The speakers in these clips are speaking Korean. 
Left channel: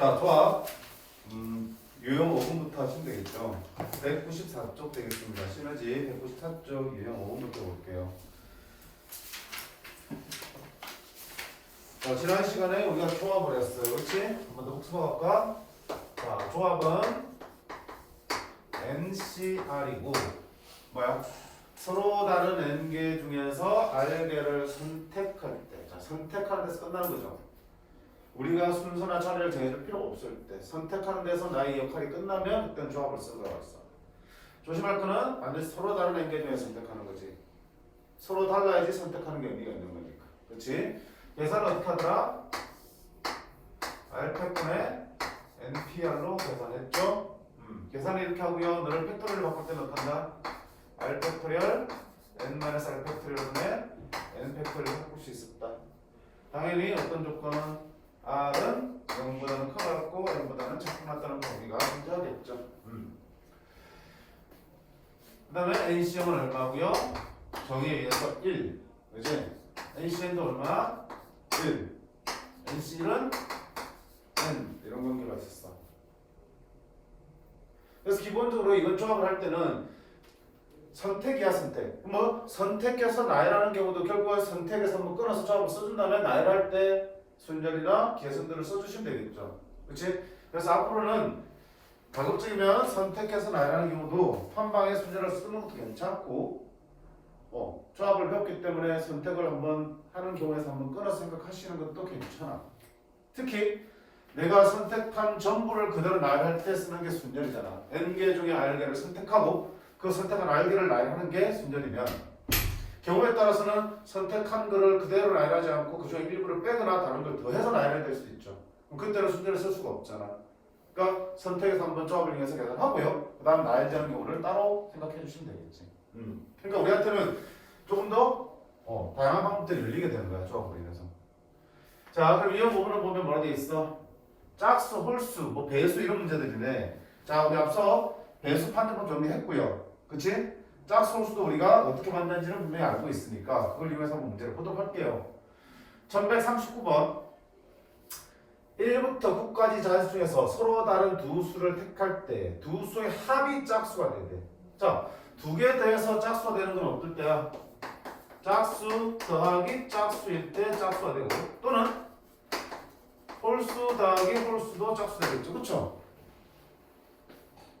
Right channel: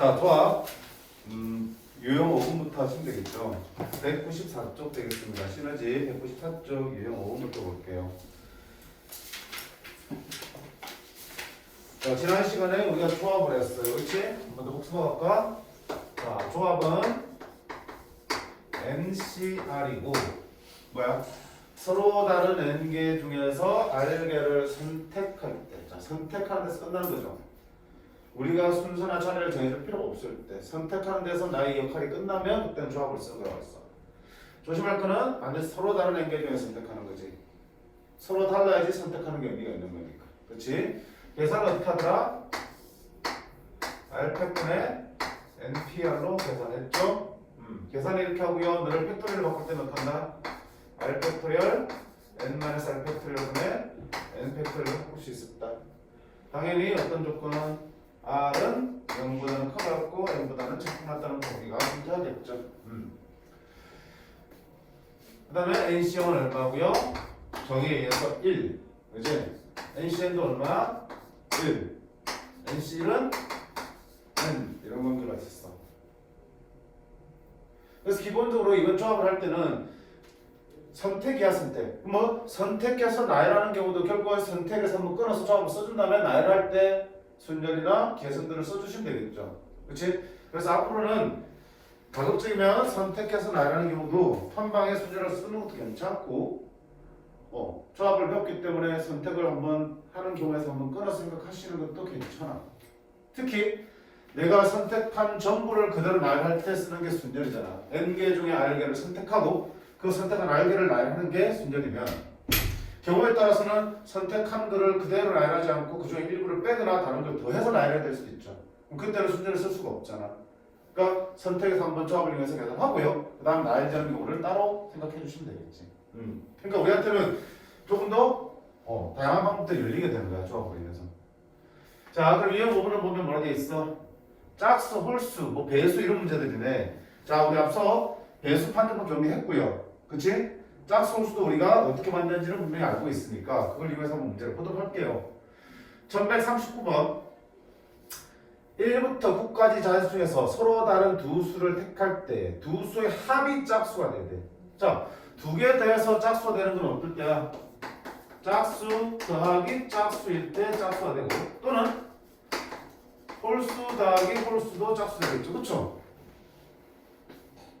자, 조합. 유형 5분부터 하시면 되겠죠. 194쪽 되겠습니다. 시너지 194쪽 유형 5분부터 볼게요. 자, 지난 시간에 우리가 조합을 했어요. 그렇지? 한번 더 복습해볼까? 자, 조합은 NCR이고 뭐야? 서로 다른 N개 중에서 R개를 선택할 때, 자, 선택하는 데서 끝나는 거죠. 우리가 순서나 자리를 정해줄 필요가 없을 때, 선택하는 데서 나의 역할이 끝나면 그때는 조합을 쓴 거였어. 조심할 거는 반드시 서로 다른 N개 중에 선택하는 거지. 서로 달라야지 선택하는 게 의미가 있는 거니까. 그렇지? 계산을 어떻게 하더라? R팩분의 NPR로 계산했죠? 계산을 이렇게 하고요. 너를 팩토리를 바꿀 때는 어떻게 한다? R 팩토리얼 N-R 팩토리얼분의 N 팩토리얼을 바꿀 수 있었다. 당연히 어떤 조건은 R은 0보다는 커졌고 N보다는 작게 났다는 거 우리가 문제하겠죠. 그 다음에 NC형은 얼마고요? 정의에 의해서 1. 그지? NCN도 얼마? 1. NC는 N. 이런 관계가 있었어. 그래서 기본적으로 이번 조합을 할 때는 선택이야, 선택. 뭐 선택해서 나열하는 경우도 결국은 선택에서 한번 끊어서 조합을 써준 다음에 나열할 때 순열이나 계산들을 써주시면 되겠죠. 그렇지? 그래서 앞으로는 가급적이면 선택해서 나열하는 경우도 한 방에 순열을 쓰는 것도 괜찮고 조합을 배웠기 때문에 선택을 한번 하는 경우에서 한번 끊어서 생각하시는 것도 괜찮아. 특히 내가 선택한 전부를 그대로 나열할 때 쓰는 게 순열이잖아. N개 중에 R개를 선택하고 그 선택한 R개를 나열하는 게 순열이면 경우에 따라서는 선택한 거를 그대로 나열하지 않고 그 중에 일부를 빼거나 다른 걸 더해서 나열해야 될 수도 있죠. 그럼 그때는 순열을 쓸 수가 없잖아. 그러니까 선택해서 한번 조합을 이용해서 계산하고요. 그 다음 나열지 않는 경우를 따로 생각해 주시면 되겠지. 그러니까 우리한테는 조금 더 다양한 방법들이 열리게 되는 거야. 조합으로 인해서. 자, 그럼 이런 부분을 보면 뭐라 돼 있어? 짝수, 홀수, 뭐 배수 이런 문제들이네. 자, 우리 앞서 배수 판정법 정리했고요. 그치? 짝수, 홀수도 우리가 어떻게 만드는지는 분명히 알고 있으니까 그걸 이용해서 한번 문제를 보도록 할게요. 1139번 1부터 9까지 자수 중에서 서로 다른 두 수를 택할 때 두 수의 합이 짝수가 돼야 돼. 자, 두 개 더해서 짝수가 되는 건 어떨 때야? 짝수 더하기 짝수일 때 짝수가 되고 또는 홀수 더하기 홀수도 짝수가 되겠죠. 그쵸?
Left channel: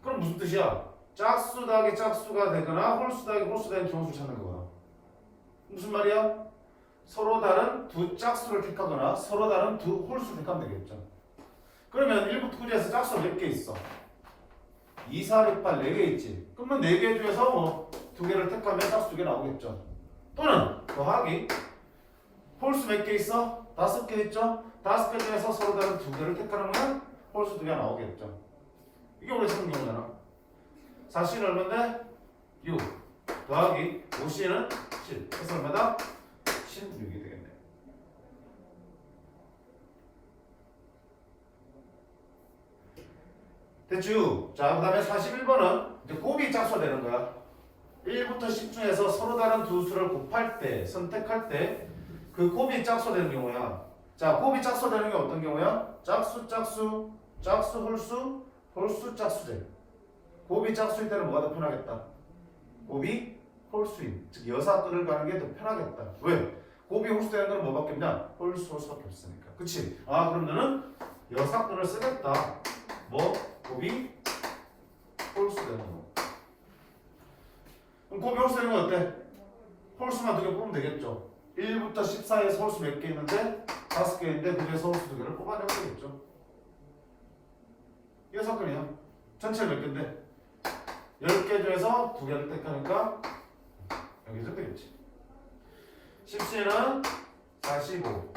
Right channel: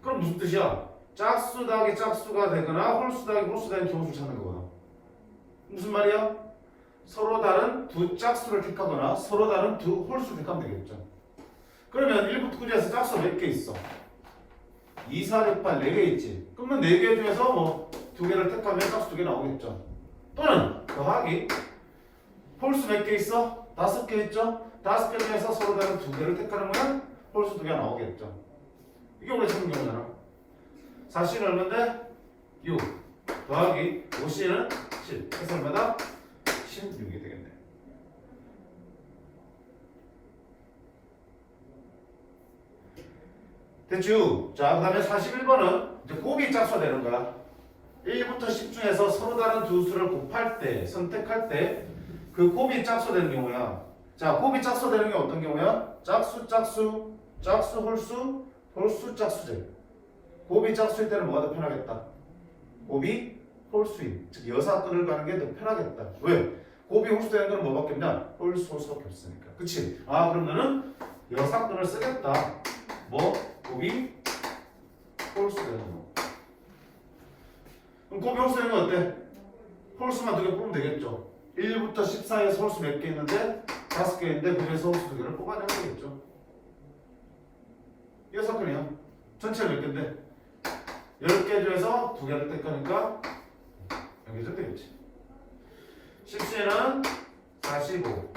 그럼 무슨 뜻이야? 짝수 더하기 짝수가 되거나 홀수 더하기 홀수가 되는 경우를 찾는 거거든. 무슨 말이야? 서로 다른 두 짝수를 택하거나 서로 다른 두 홀수를 택하면 되겠죠. 그러면 1부터 9에서 짝수가 몇 개 있어? 2, 4, 6, 8, 4개 있지. 그러면 4개 중에서 뭐 2개를 택하면 짝수 2개 나오겠죠. 또는 더하기 홀수 몇 개 있어? 5개 있죠? 5개 중에서 서로 다른 2개를 택하는 거는 홀수 2개 나오겠죠. 이게 우리 찾는 경우잖아. 4C는 얼마인데? 6 더하기 5C는 7 해서 얼마다? 16이 되겠네. 됐죠? 자, 그 다음에 41번은 이제 곱이 짝수가 되는 거야. 1부터 10 중에서 서로 다른 두 수를 곱할 때, 선택할 때 그 곱이 짝수가 되는 경우야. 자, 곱이 짝수가 되는 게 어떤 경우야? 짝수, 짝수, 짝수, 홀수, 홀수, 짝수제. 곱이 짝수일 때는 뭐가 더 편하겠다? 곱이 홀수인, 즉 여사끈을 가는 게 더 편하겠다. 왜? 곱이 홀수 되는 건 뭐밖에 없냐? 홀수, 홀수밖에 없으니까. 그치? 아, 그럼 너는 여사끈을 쓰겠다. 뭐? 곱이 홀수 되는 거. 그럼 곱이 홀수 되는 건 어때? 홀수만 2개 뽑으면 되겠죠. 1부터 10 사이에서 홀수 몇 개 있는데 5개 있는데 그 중에서 홀수 2개를 뽑아내면 되겠죠. 여사끈이야. 전체가 몇 개인데 10개 중에서 2개를 택하니까 여기 좀 되겠지. 10C는 45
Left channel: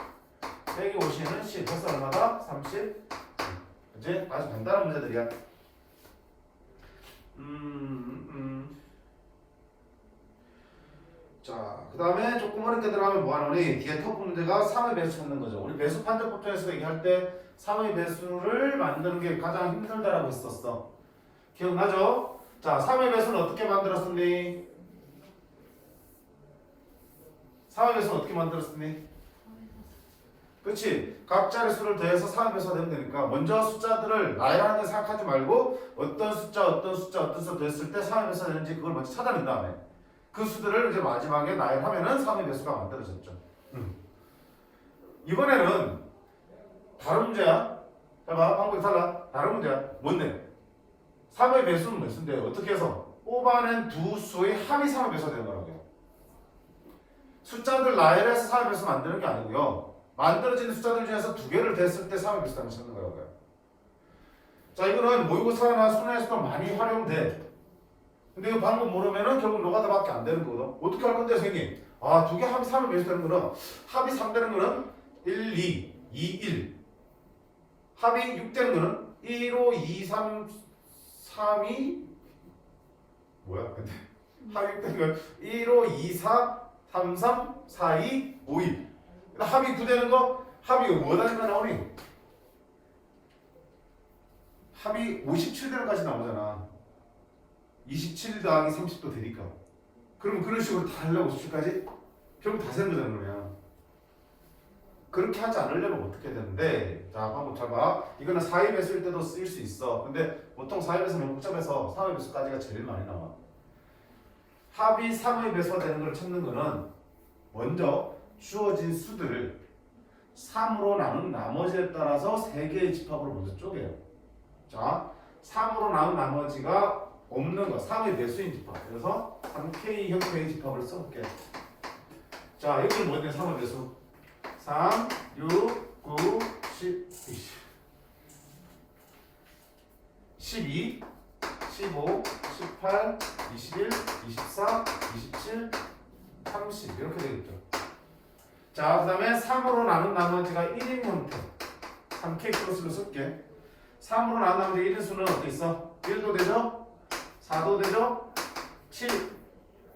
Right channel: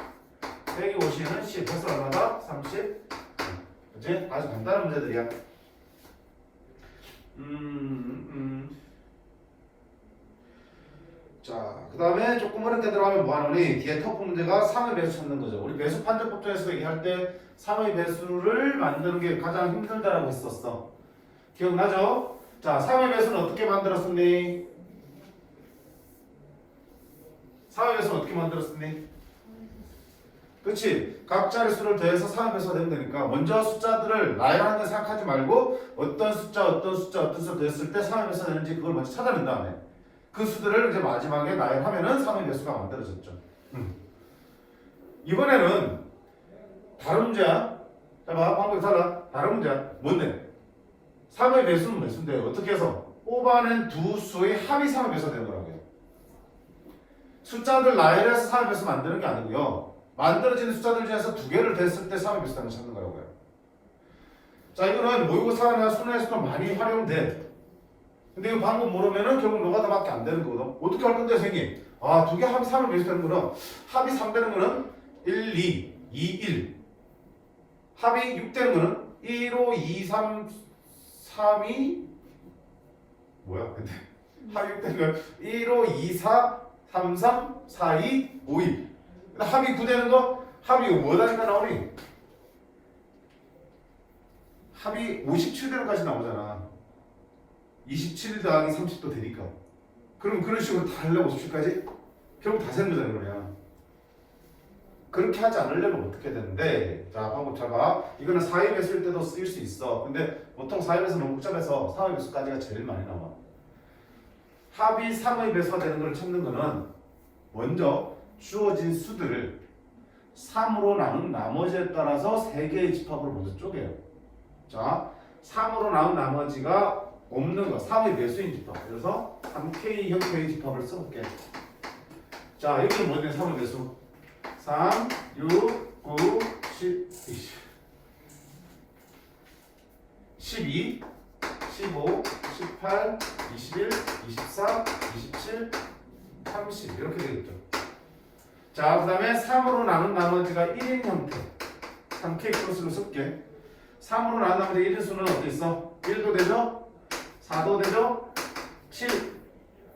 빼기 50은 10 해서 얼마다? 30. 그치? 아주 간단한 문제들이야. 자, 그 다음에 조금 어렵게 들어가면 뭐하노니? 뒤에 터프 문제가 3의 배수 찾는 거죠. 우리 배수 판정법 중에서 얘기할 때 3의 배수를 만드는 게 가장 힘들다라고 했었어. 기억나죠? 자, 3의 배수는 어떻게 만들었었니? 3의 배수는 어떻게 만들었었니? 그렇지? 각 자릿수를 더해서 3의 배수가 되면 되니까 먼저 숫자들을 나열하는 데 생각하지 말고 어떤 숫자 더했을 때 3의 배수가 되는지 그걸 먼저 찾아낸 다음에 그 수들을 이제 마지막에 나열하면은 3의 배수가 만들어졌죠. 이번에는 다른 문제야. 자, 봐. 방법이 달라. 다른 문제야. 뭔데? 3의 배수는 몇 수인데 어떻게 해서 뽑아낸 두 수의 합이 3의 배수가 되는 거라고요. 숫자들 나열해서 3의 배수 만드는 게 아니고요. 만들어지는 숫자들 중에서 두 개를 댔을 때 3의 배수를 찾는 거라고요. 자, 이거는 모의고사나 수능에서도 많이 활용돼. 근데 이 방법 모르면은 결국 노가다밖에 안 되는 거거든. 어떻게 할 건데, 선생님? 아, 두 개 합이 3을 배수 되는 거는 합이 3 되는 거는 1, 2, 2, 1. 합이 6 되는 거는 1, 5, 2, 3, 3, 2 뭐야? 근데 합이 6 되는 건 1, 5, 2, 4, 3, 3, 4, 2, 5, 1. 합이 9 되는 거 합이 뭐 단위가 나오니? 합이 57대로까지 나오잖아. 27 더하기 30도 되니까. 그럼 그런 식으로 다 하려고 57까지? 결국 다 세는 거잖아, 그러면. 그렇게 하지 않으려면 어떻게 되는데? 자, 방법 잡아. 이거는 4의 배수일 때도 쓰일 수 있어. 근데 보통 4의 배수는 너무 복잡해서 3의 배수까지가 제일 많이 나와. 합이 3의 배수가 되는 걸 찾는 거는 먼저 주어진 수들을 3으로 나눈 나머지에 따라서 3개의 집합으로 먼저 쪼개요. 자, 3으로 나눈 나머지가 없는 거, 3의 배수인 집합. 그래서 3K 형태의 집합을 써볼게. 자, 여기는 뭔데 3의 배수? 3, 6, 9, 10, 12, 15, 18, 21, 24, 27, 30 이렇게 되겠죠. 자, 그 다음에 3으로 나눈 나머지가 1인 형태 3K 플러스로 쓸게. 3으로 나눈 나머지 1인 수는 어디 있어? 1도 되죠? 4도 되죠? 7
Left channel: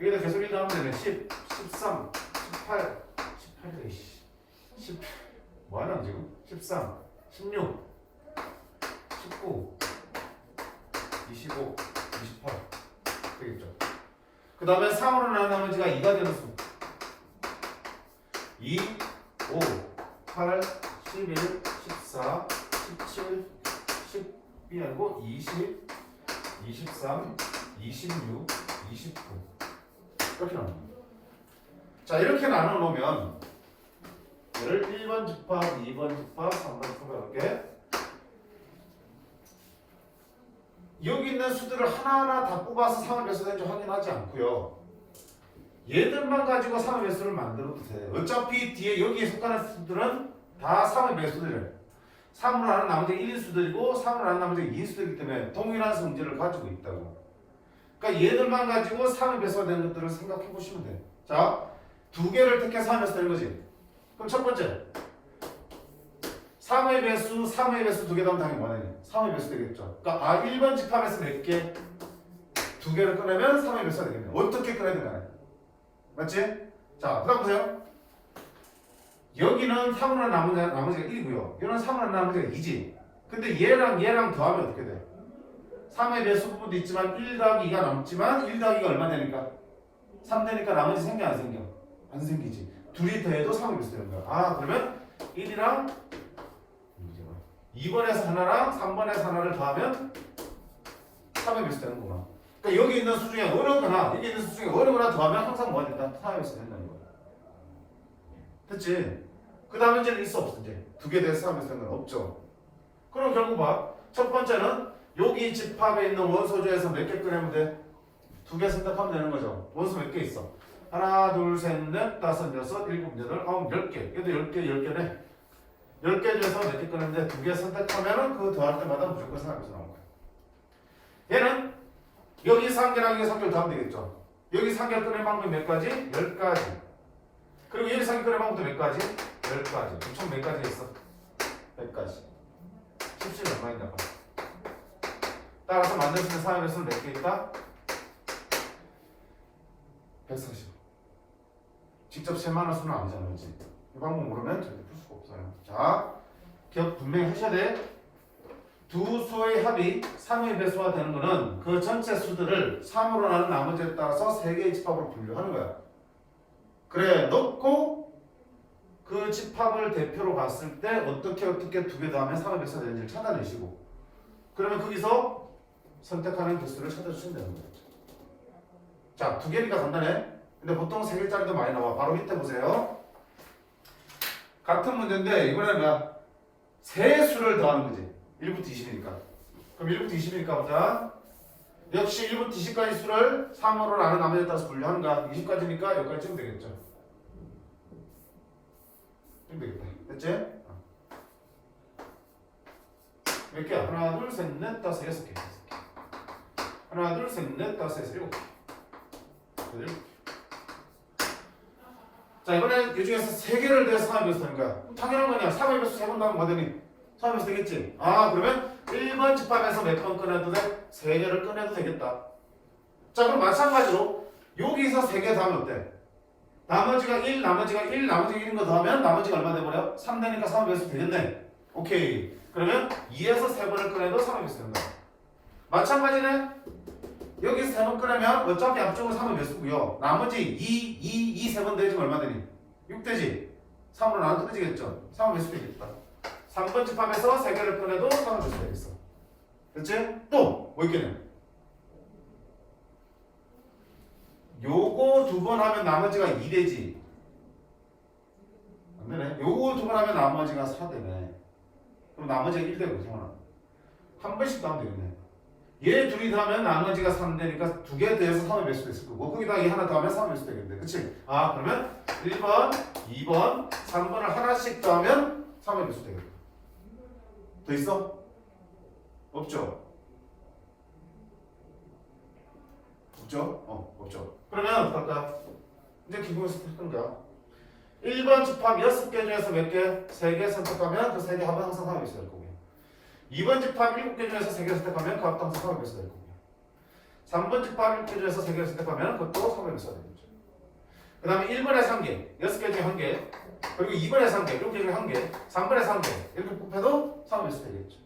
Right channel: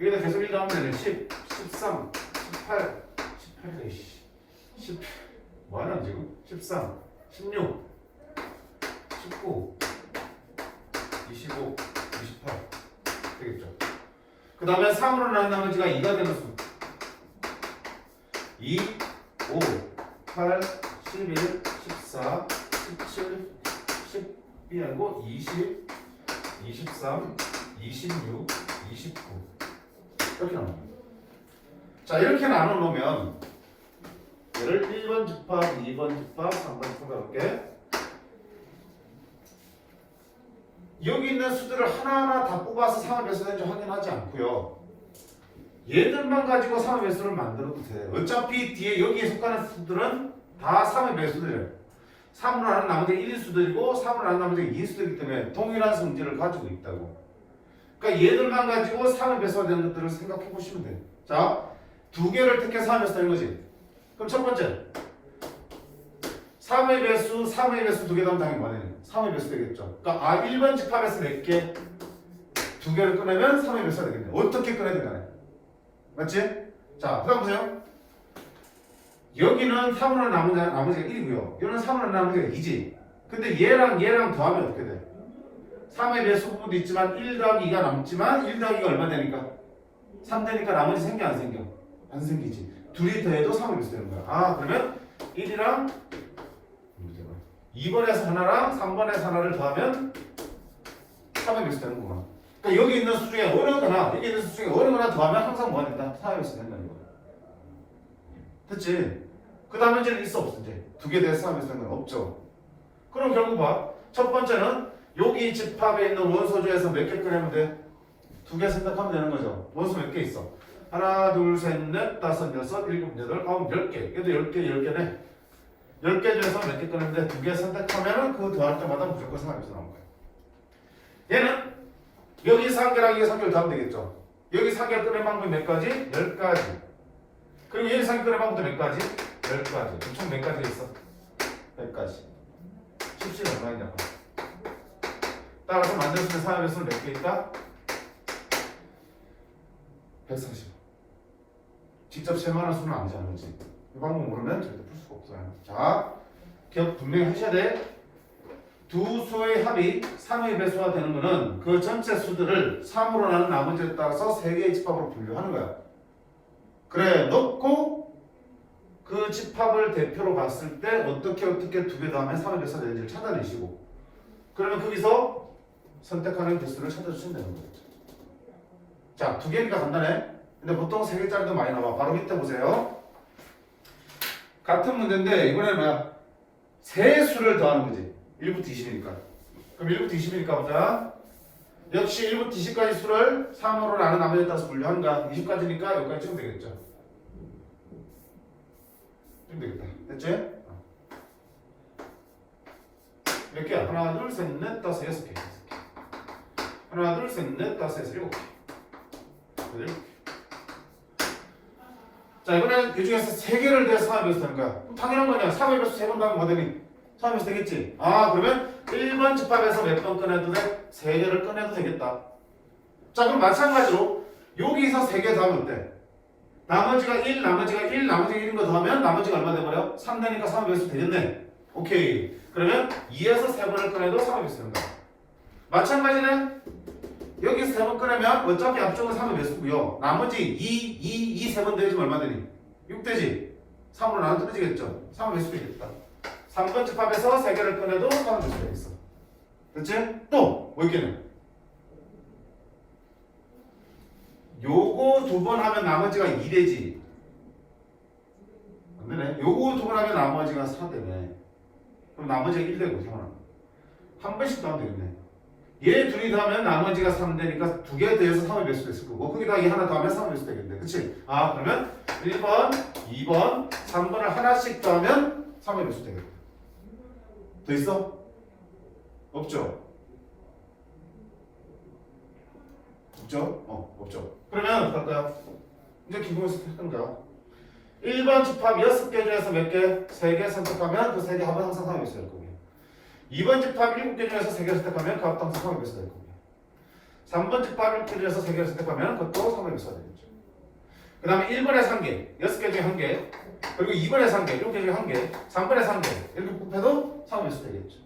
여기다 계속 1 하면 되네. 10, 13, 18, 18이래 10 뭐하냐 지금? 13, 16, 19, 25, 28 되겠죠. 그 다음에 3으로 나눈 나머지가 2가 되는 수 2, 5, 8, 11, 14, 17, 12 아니고 20, 23, 26, 29 이렇게 나눕니다. 자, 이렇게 나눠놓으면 얘를 1번 집합, 2번 집합, 3번 집합 이렇게 여기 있는 수들을 하나하나 다 뽑아서 3의 배수되는지 확인하지 않고요. 얘들만 가지고 3의 배수를 만들어도 돼. 어차피 뒤에 여기에 속하는 수들은 다 3의 배수들이에요. 3으로 나눈 나머지 1인 수들이고 3으로 나눈 나머지 2인 수들이기 때문에 동일한 성질을 가지고 있다고. 그러니까 얘들만 가지고 3의 배수가 되는 것들을 생각해 보시면 돼요. 자, 두 개를 택해서 3의 배수 되는 거지. 그럼 첫 번째 3의 배수, 3의 배수 두 개 더하면 당연히 뭐냐? 3의 배수 되겠죠. 그러니까 1번 집합에서 4개 두 개를 꺼내면 3의 배수가 되겠네. 어떻게 꺼내든 간에. 맞지? 자, 그 다음 보세요. 여기는 3으로 나머지가 1이고요. 여기는 3으로 나머지가 2지. 근데 얘랑 더하면 어떻게 돼? 3의 배수 부분도 있지만 1 더하기 2가 남지만 1 더하기가 얼마 되니까? 3 되니까 나머지 생겨 안 생겨? 안 생기지. 둘이 더해도 3의 배수 되는 거야. 아, 그러면 1이랑 2번에서 하나랑 3번에서 하나를 더하면 3의 배수 되는 거구나. 그러니까 여기 있는 수 중에 어느 거나 여기 있는 수 중에 어느 거나 더하면 항상 뭐가 된다? 3의 배수 된다는 거야. 됐지? 그 다음에 이제는 있어 없어? 이제 두 개 돼서 3의 배수 되는 건 없죠. 그럼 결국 봐. 첫 번째는 여기 집합에 있는 원소 중에서 몇 개 꺼내면 돼? 두 개 선택하면 되는 거죠. 원소 몇 개 있어? 하나, 둘, 셋, 넷, 다섯, 여섯, 일곱, 여덟, 아홉, 10개. 얘도 10개, 10개네. 10개 중에서 몇 개 꺼내는데 두 개 선택하면은 그 더할 때마다 무조건 3의 배수 나오는 거야. 얘는 여기 3개랑 여기 3개를 더하면 되겠죠. 여기 3개 꺼낸 방법이 몇 가지? 10가지. 그리고 여기 3개 꺼낸 방법도 몇 가지? 10가지. 총 몇 가지가 있어? 100가지. 17이 얼마 있냐고. 따라서 만들 수 있는 3의 배수는 몇 개 있다? 140. 직접 세만한 수는 아니잖아, 그렇지? 이 방법 모르면 절대 풀 수가 없어요. 자, 기억 분명히 하셔야 돼. 두 수의 합이 3의 배수가 되는 거는 그 전체 수들을 3으로 나눈 나머지에 따라서 3개의 집합으로 분류하는 거야. 그래, 넣고 그 집합을 대표로 봤을 때 어떻게 두 개 다음에 3의 몇 수 되는지를 찾아내시고 그러면 거기서 선택하는 개수를 찾아주시면 되는 거겠죠. 자, 두 개니까 간단해. 근데 보통 세 개짜리도 많이 나와. 바로 밑에 보세요. 같은 문제인데 이번에는 뭐야? 세 수를 더하는 거지. 1부터 20이니까. 그럼 1부터 20이니까 보자. 역시 1부터 20까지 수를 3으로 나눈 나머지에 따라서 분류하는 거야. 20까지니까 여기까지 찍으면 되겠죠. 찍으면 되겠다. 됐지? 몇 개야? 하나, 둘, 셋, 넷, 다섯, 여섯 개. 하나, 둘, 셋, 넷, 다섯, 여섯, 일곱 개. 자, 이번엔 이 중에서 세 개를 더해서 3의 배수 하는 거야. 그럼 당연한 거 아니야. 3의 배수 3번 더하면 뭐 되니? 3의 배수 되겠지? 아, 그러면 1번 집합에서 몇 번 꺼내도 돼? 3개를 꺼내도 되겠다. 자, 그럼 마찬가지로 여기서 3개 더하면 어때? 나머지가 1, 나머지가 1, 나머지가 1인 거 더하면 나머지가 얼마 돼버려? 3 되니까 3의 배수 되겠네. 오케이. 그러면 2에서 3번을 꺼내도 3의 배수 되는 거야. 마찬가지네. 여기서 3번 꺼내면 어차피 앞쪽은 3의 배수고요. 나머지 2, 3번 더해지면 얼마 되니? 6 되지? 3으로 나눠 떨어지겠죠? 3의 배수 되겠다. 3번 집합에서 3개를 꺼내도 3의 배수 되겠어. 됐지? 또! 뭐 있겠네? 요거 2번 하면 나머지가 2 되지? 안 되네. 요거 2번 하면 나머지가 4 되네. 그럼 나머지가 1 되고, 성원아. 한 번씩 더 하면 되겠네. 얘 둘이 더하면 나머지가 3 되니까 2개 더해서 3의 배수 됐을 거고 거기다 얘 하나 더하면 3의 배수 되겠네. 그치? 아, 그러면 1번, 2번, 3번을 하나씩 더하면 3의 배수 되겠다. 더 있어? 없죠? 없죠? 없죠. 그러면 어떨까? 이제 기본에서 했던 거야. 1번 집합 6개 중에서 몇 개? 3개 선택하면 그 3개 합은 항상 3의 배수 될 거고 2번 집합 7개 중에서 3개를 선택하면 그 합도 항상 3의 배수 될 거고 3번 집합 7개 중에서 3개를 선택하면 그것도 3의 배수가 되겠죠. 그 다음에 1번에서 1개, 6개 중에 1개 그리고 2번에서 1개, 7개 중에 1개 3번에서 1개 이렇게 곱해도 3의 배수 되겠죠.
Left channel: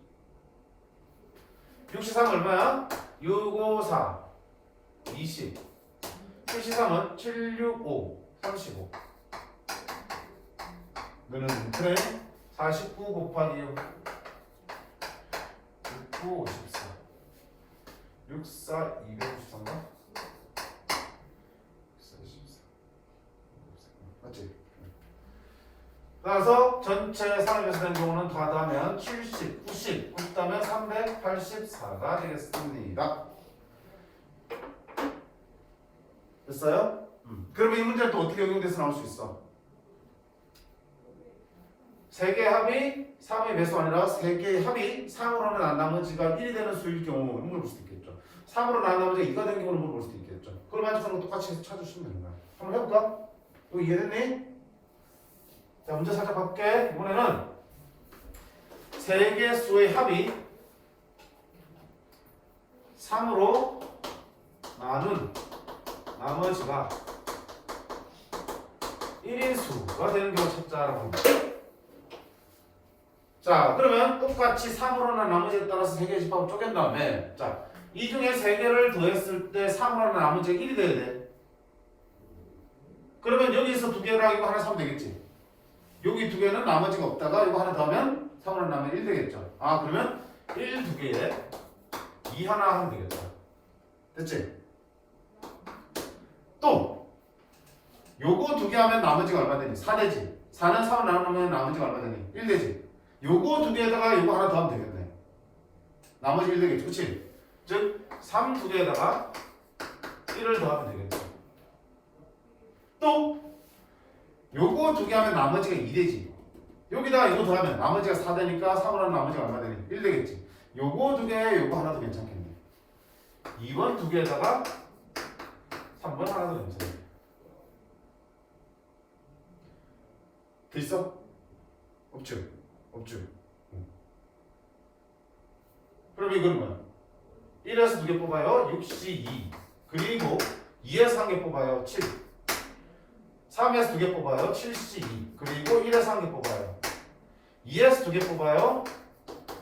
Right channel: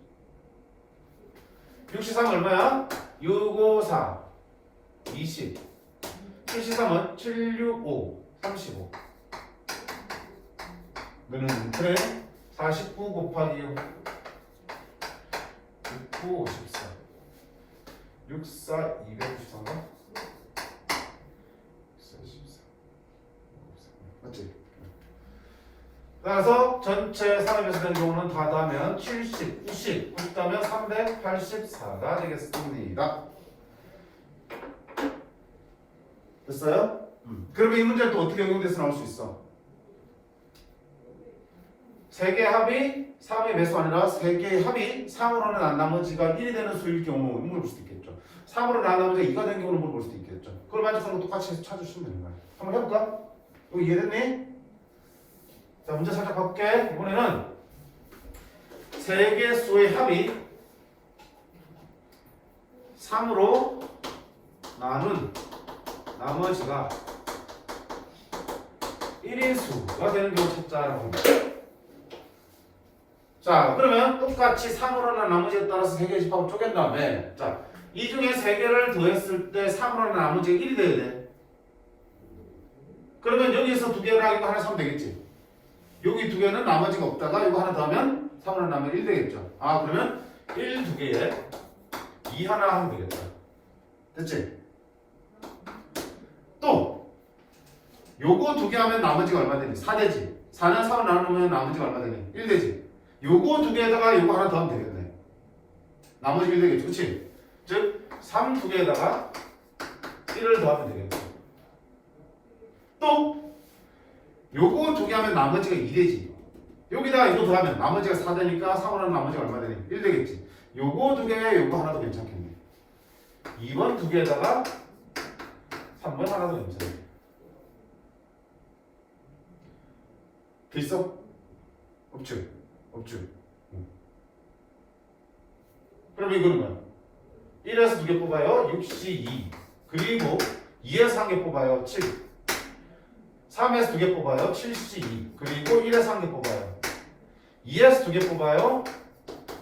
63 얼마야? 6, 5, 4 20 73은 7, 6, 5 35 너는 그래 49 곱하기 6 9, 54 64, 254인가? 64 맞지? 따라서 전체 3의 배수 되는 경우는 다 더하면 70, 90, 90 더하면 384가 되겠습니다. 됐어요? 그러면 이 문제는 또 어떻게 적용돼서 나올 수 있어? 3개 합이 3의 배수 아니라 3개의 합이 3으로는 난 나머지가 1이 되는 수일 경우 물어볼 수도 있겠죠. 3으로 난 나머지가 2가 되는 경우는 물어볼 수도 있겠죠. 그걸 만족하는 거 똑같이 찾으시면 되는 거야. 한번 해볼까? 여기 이해됐니? 자, 문제 살짝 바꿀게. 이번에는 3개 수의 합이 3으로 나눈 나머지가 1인 수가 되는 경우 찾자라고 합니다. 자, 그러면 똑같이 3으로 난 나머지에 따라서 3개의 집합을 쪼갠 다음에 자, 이 중에 3개를 더했을 때 3으로 난 나머지가 1이 돼야 돼. 그러면 여기서 2개랑 이거 하나 사면 되겠지. 여기 2개는 나머지가 없다가 이거 하나 더하면 3으로 난 나머지 1 되겠죠. 아, 그러면 1, 2개에 2 하나 하면 되겠다. 됐지? 또 요거 2개 하면 나머지가 얼마 되니? 4 되지. 4는 3으로 나누면 나머지가 얼마 되니? 1 되지. 요거 2개에다가 요거 하나 더하면 되겠네. 나머지 1 되겠죠. 그치? 즉 3 2개에다가 1을 더하면 되겠네. 또 요거 2개 하면 나머지가 2 되지. 여기다가 이거 더하면 나머지가 4 되니까 3으로 나머지가 얼마 되니? 1 되겠지. 요거 2개에 요거 하나 더 괜찮겠네. 2번 2개에다가 3번 하나 더 괜찮네. 있어? 없죠? 없죠? 그럼 이거는 뭐야? 1에서 2개 뽑아요. 62 그리고 2에서 1개 뽑아요. 7 3에서 2개 뽑아요. 72 그리고 1에서 1개 뽑아요. 2에서 2개 뽑아요.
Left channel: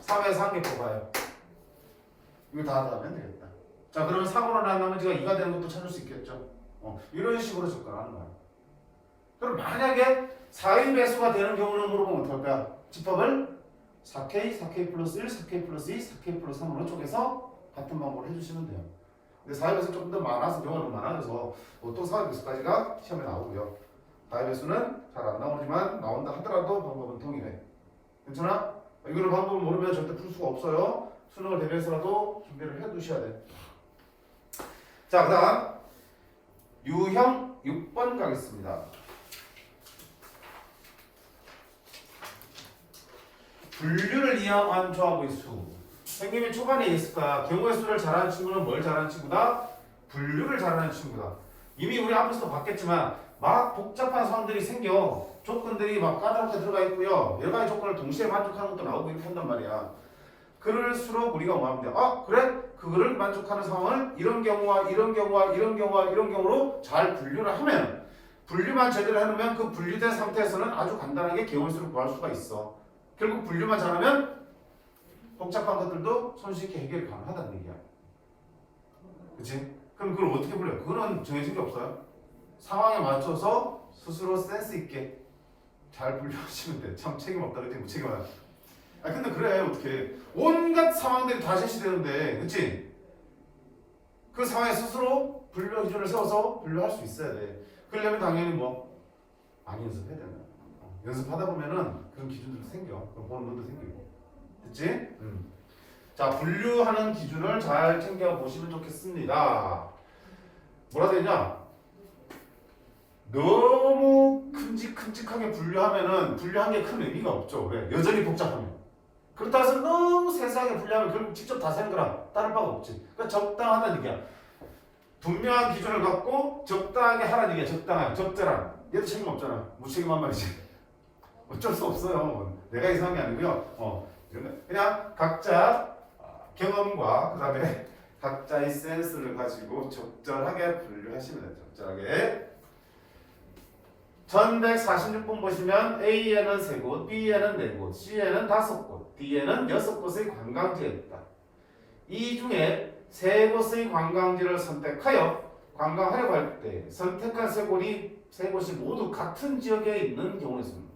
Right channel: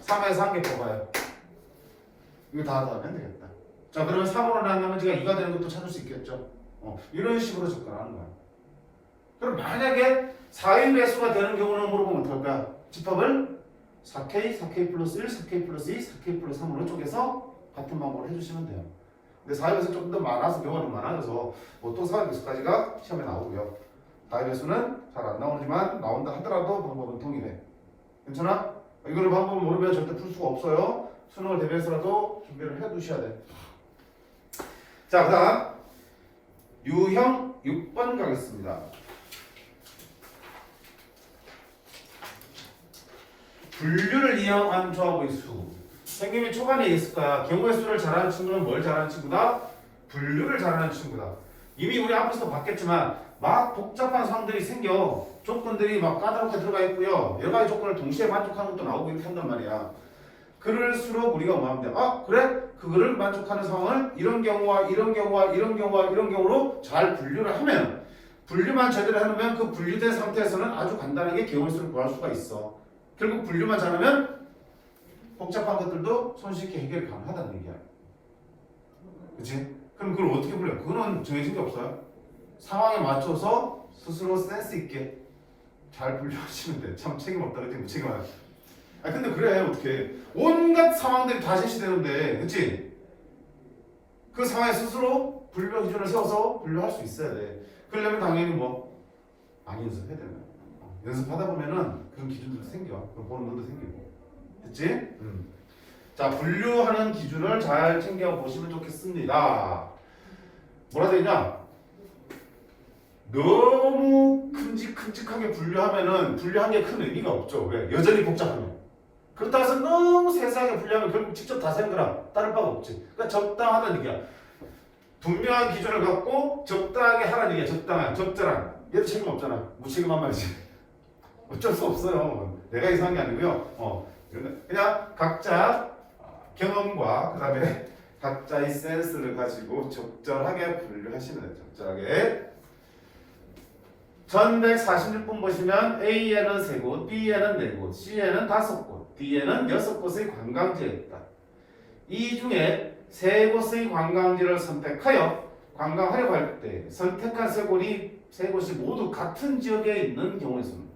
3에서 1개 뽑아요. 이거 다 더하면 되겠다. 자, 그러면 3으로 난 나머지가 2가 되는 것도 찾을 수 있겠죠. 이런 식으로 접근하는 거야. 그럼 만약에 4의 배수가 되는 경우는 물어보면 어떨 거야? 집합을 4K, 4K 플러스 1, 4K 플러스 2, 4K 플러스 3으로 쪼개서 같은 방법으로 해주시면 돼요. 근데 4의 배수 조금 더 많아서 경우가 좀 많아져서 보통 4의 배수까지가 시험에 나오고요. 4의 배수는 잘 안 나오지만 나온다 하더라도 방법은 동일해. 괜찮아? 이거는 방법을 모르면 절대 풀 수가 없어요. 수능을 대비해서라도 준비를 해 두셔야 돼. 자, 그 다음 유형 6번 가겠습니다. 분류를 이용한 조합의 수. 선생님이 초반에 있을 거야. 경우의 수를 잘하는 친구는 뭘 잘하는 친구다? 분류를 잘하는 친구다. 이미 우리 앞에서도 봤겠지만 막 복잡한 상황들이 생겨. 조건들이 막 까다롭게 들어가 있고요. 여러 가지 조건을 동시에 만족하는 것도 나오고 이렇게 한단 말이야. 그럴수록 우리가 뭐 하면 돼? 아, 그래? 그거를 만족하는 상황을 이런 경우와 이런 경우와 이런 경우와 이런 경우로 잘 분류를 하면, 분류만 제대로 해놓으면 그 분류된 상태에서는 아주 간단하게 경우의 수를 구할 수가 있어. 결국 분류만 잘하면 복잡한 것들도 손쉽게 해결이 가능하다는 얘기야. 그치? 그럼 그걸 어떻게 분류해? 그거는 정해진 게 없어요. 상황에 맞춰서 스스로 센스 있게 잘 분류하시면 돼. 참 책임 없다 그랬지? 무책임하다. 아 근데 그래 어떻게 온갖 상황들이 다 제시되는데, 그치? 그 상황에 스스로 분류 기준을 세워서 분류할 수 있어야 돼. 그러려면 당연히 뭐 많이 연습해야 되는 거야. 연습하다 보면은 그런 기준들도 생겨. 그럼 보는 눈도 생기고. 됐지? 자, 분류하는 기준을 잘 챙겨 보시면 좋겠습니다. 뭐라 되냐? 너무 큼직큼직하게 분류하면은 분류한 게 큰 의미가 없죠. 왜? 여전히 복잡하면. 그렇다고 해서 너무 세세하게 분류하면 결국 직접 다 세는 거라 다를 바가 없지. 그러니까 적당하다는 얘기야. 분명한 기준을 갖고 적당하게 하라는 얘기야. 적당한, 적절한. 얘도 책임 없잖아. 무책임한 말이지. 어쩔 수 없어요. 내가 이상한 게 아니고요. 그냥 각자 경험과 그 다음에 각자의 센스를 가지고 적절하게 분류하시면 돼요. 적절하게. 1146분 보시면 A에는 3곳, B에는 4곳, C에는 5곳, D에는 6곳의 관광지가 있다. 이 중에 3곳의 관광지를 선택하여 관광하려고 할 때 선택한 3곳이 모두 같은 지역에 있는 경우의 수입니다.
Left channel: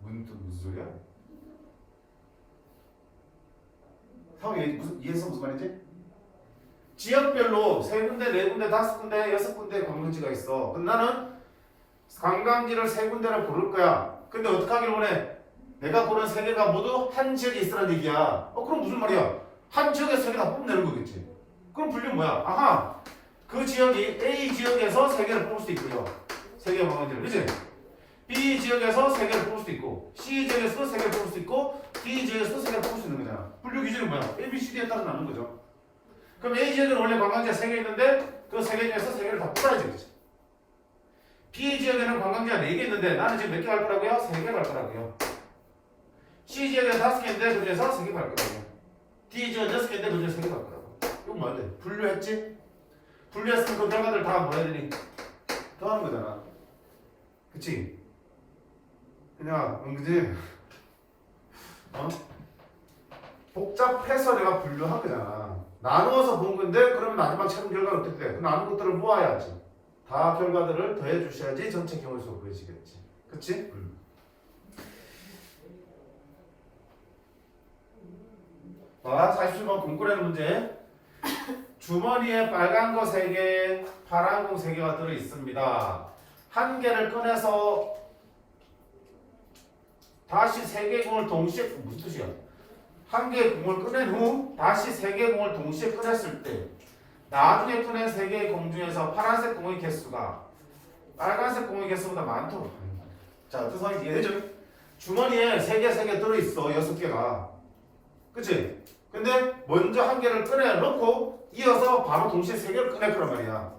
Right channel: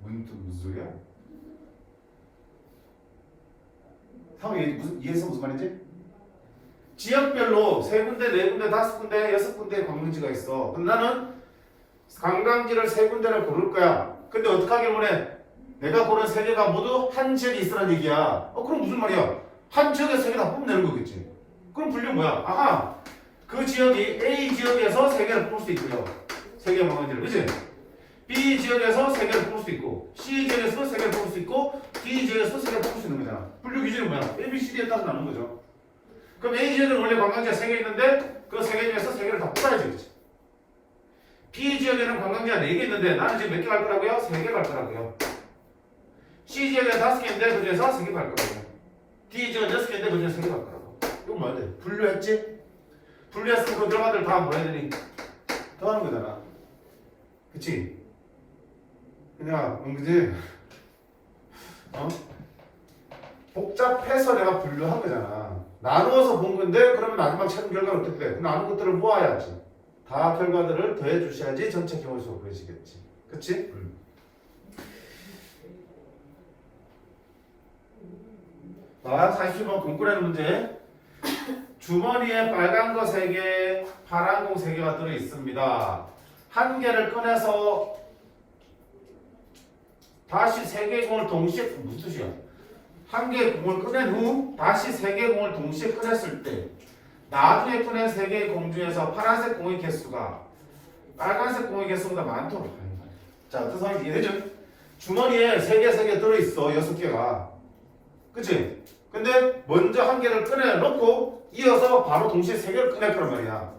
무슨 소리야? 상황이 이해해서 무슨 말이지? 지역별로 3군데, 4군데, 5군데, 6군데 관광지가 있어. 그럼 나는 관광지를 3군데를 고를 거야. 근데 어떻게 하길 원해? 내가 고른 3개가 모두 한 지역에 있으라는 얘기야. 그럼 무슨 말이야? 한 지역에서 3개 다 뽑으면 되는 거겠지. 그럼 분류 뭐야? 아하, 그 지역이 A 지역에서 3개를 뽑을 수 있고요. 3개 관광지를, 그치? B 지역에서 3개를 뽑을 수 있고, C 지역에서 3개를 뽑을 수 있고, D 지역에서 3개를 뽑을 수 있는 거잖아. 분류 기준이 뭐야? A, B, C, D에 따라서 나눈 거죠. 그럼 A 지역에는 원래 관광지가 3개 있는데 그 3개 중에서 3개를 다 뽑아야지, 그렇지? B 지역에는 관광지가 4개 있는데 나는 지금 몇 개 갈 거라고요? 3개 갈 거라고요. C 지역에는 5개 있는데 그 중에서 3개 갈 거라고요. D 지역은 6개 있는데 그 중에서 3개 갈 거라고. 이건 뭐야 돼? 분류했지? 분류했으면 그 결과들 다 뭐 해야 되니? 더하는 거잖아. 그치? 그냥 그지? 복잡해서 내가 분류한 거잖아. 나누어서 본 건데 그럼 마지막 최종 결과는 어떻게 돼? 그 나눈 것들을 모아야지. 다 결과들을 더해 주셔야지 전체 경우의 수가 구해지겠지. 그치? 자, 47번 공꾸라는 문제. 주머니에 빨간 거 3개, 파란 공 3개가 들어있습니다. 한 개를 꺼내서 다시 3개의 공을 동시에, 무슨 뜻이야? 한 개의 공을 꺼낸 후 다시 3개의 공을 동시에 꺼냈을 때 나중에 꺼낸 3개의 공 중에서 파란색 공의 개수가 빨간색 공의 개수보다 많도록 하는 거예요. 자, 어떤 상황인지 이해되죠? 주머니에 3개 들어있어. 6개가. 그치? 근데 먼저 한 개를 꺼내놓고 이어서 바로 동시에 3개를 꺼낼 거란 말이야.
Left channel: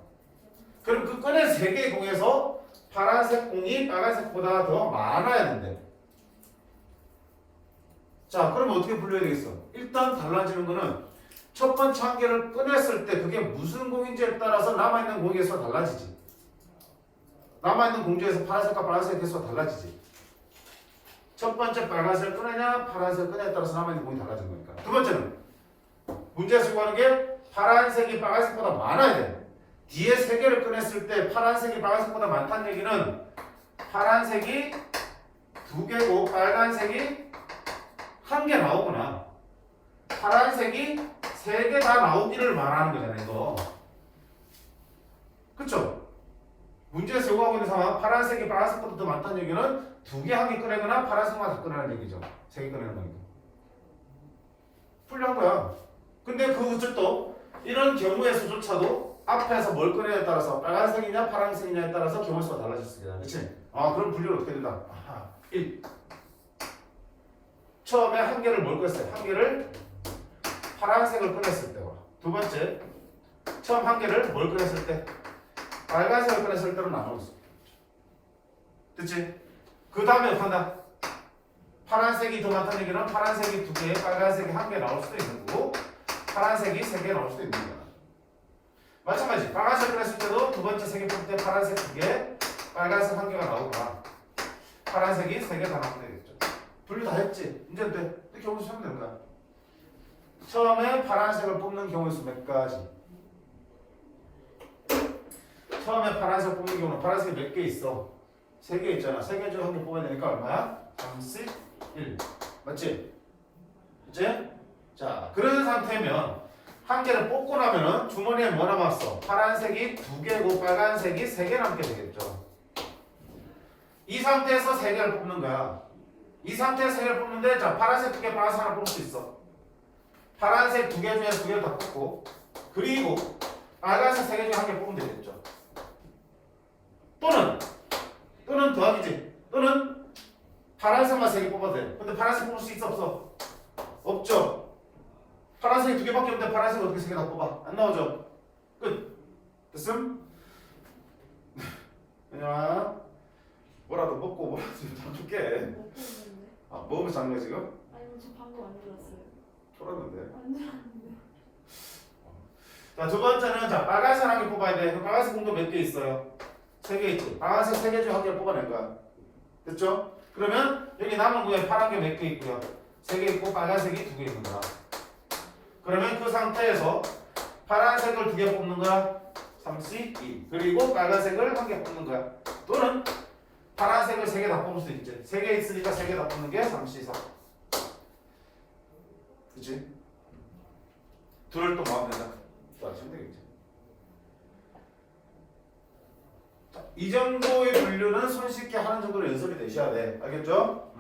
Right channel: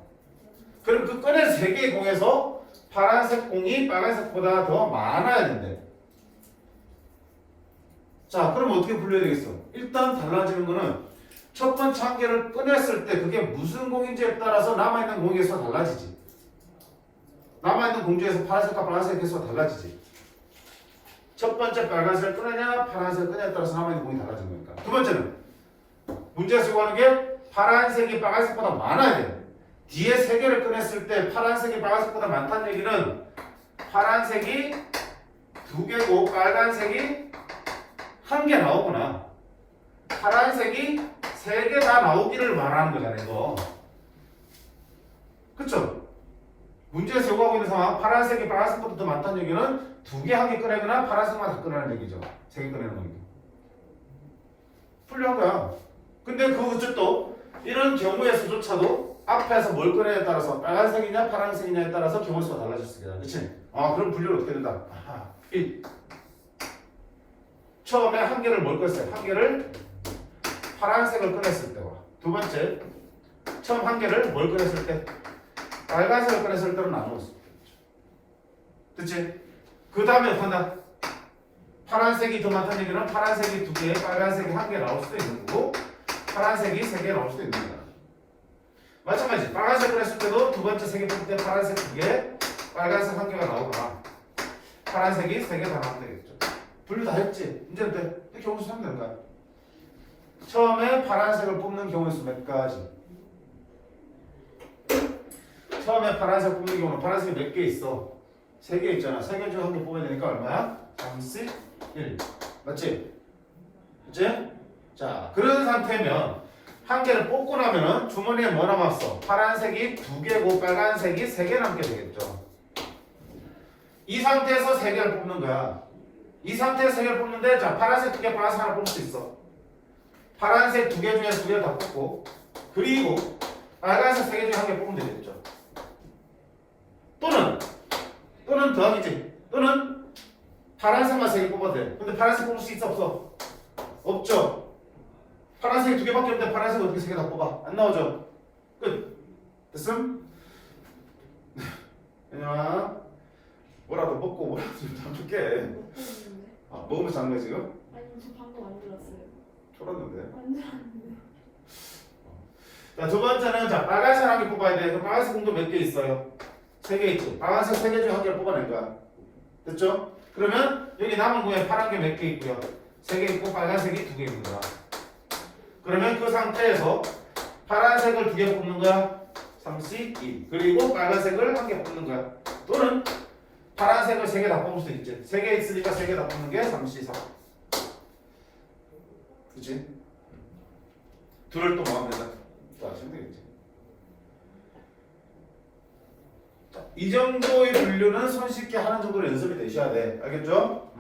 그럼 그 꺼낸 3개의 공에서 파란색 공이 빨간색보다 더 많아야 된대. 자, 그럼 어떻게 분류해야 되겠어? 일단 달라지는 거는 첫 번째 한 개를 꺼냈을 때 그게 무슨 공인지에 따라서 남아있는 공의 개수가 달라지지. 남아있는 공 중에서 파란색과 빨간색 개수가 달라지지. 첫 번째 빨간색을 꺼내냐 파란색을 꺼내냐에 따라서 남아있는 공이 달라진 거니까. 두 번째는 문제에서 요구하는 게 파란색이 빨간색보다 많아야 돼. 뒤에 3개를 꺼냈을 때 파란색이 빨간색보다 많다는 얘기는 파란색이 2개고 빨간색이 1개 나오구나. 파란색이 3개 다 나오기를 말하는 거잖아 이거. 그쵸? 문제에서 요구하고 있는 상황 파란색이 빨간색보다 더 많다는 얘기는 2개 1개 꺼내거나 파란색만 다 꺼내는 얘기죠. 3개 꺼내는 거니까. 풀려한 거야. 근데 그것도 이런 경우에서조차도 앞에서 뭘 꺼내냐에 따라서 빨간색이냐 파란색이냐에 따라서 경우 수가 달라질 수 있겠다. 그치? 아 그럼 분류를 어떻게 된다? 1. 처음에 1개를 뭘 꺼냈어요? 1개를 파란색을 꺼냈을 때와 두 번째 처음 1개를 뭘 꺼냈을 때 빨간색을 꺼냈을 때로 나누었어. 됐지? 그 다음에 간다. 파란색이 더 많다는 얘기는 파란색이 2개, 빨간색이 1개 나올 수도 있는 거고 파란색이 3개 나올 수도 있는 거야. 마찬가지 빨간색 꺼냈을 때도 두 번째 3개 뽑을 때 파란색 2개, 빨간색 1개가 나오거나 파란색이 3개 다 나오면 되겠죠. 분류 다 했지? 이제 돼. 경우수 하면 되는 거야. 처음에 파란색을 뽑는 경우의 수 몇 가지? 처음에 파란색 뽑는 경우는 파란색이 몇 개 있어? 3개 있잖아. 3개 중에 1개 뽑아야 되니까 얼마야? 3, 1. 맞지? 그치? 자, 그런 상태면 1개를 뽑고 나면은 주머니에 뭐 남았어? 파란색이 2개고 빨간색이 3개 남게 되겠죠. 이 상태에서 3개를 뽑는 거야. 이 상태에서 3개를 뽑는데 자 파란색 2개, 빨간색 하나 뽑을 수 있어. 파란색 2개 중에 2개를 다 뽑고 그리고 빨간색 3개 중에 1개 뽑으면 되겠죠. 또는 더하기지. 또는 파란색만 3개 뽑아도 돼. 근데 파란색 뽑을 수 있어 없어? 없죠. 파란색이 2개밖에 없는데 파란색 어떻게 3개 다 뽑아? 안 나오죠. 끝. 됐음? 그냥 뭐라도 먹고 뭐라도 좀 줄게. 아 먹으면서 자는 거야 지금? 아니 저 방금 안 들었어요. 졸았는데. 안 들었는데. 자, 두 번째는 자 빨간색 1개 뽑아야 돼. 그럼 빨간색 공도 몇 개 있어요? 3개 있지. 빨간색 3개 중에 1개 뽑아낼 거야. 됐죠? 그러면 여기 남은 공에 파란 게 몇 개 있고요? 3개 있고 빨간색이 2개 있는 거야. 그러면 그 상태에서 파란색을 2개 뽑는 거야. 3C2. 그리고 빨간색을 1개 뽑는 거야. 또는 파란색을 3개 다 뽑을 수 있지. 3개 있으니까 3개 다 뽑는 게 3C4. 그치? 둘을 또 마음에 다 또 하시면 되겠지. 자, 이 정도의 분류는 손쉽게 하는 정도로 연습이 되셔야 돼. 알겠죠?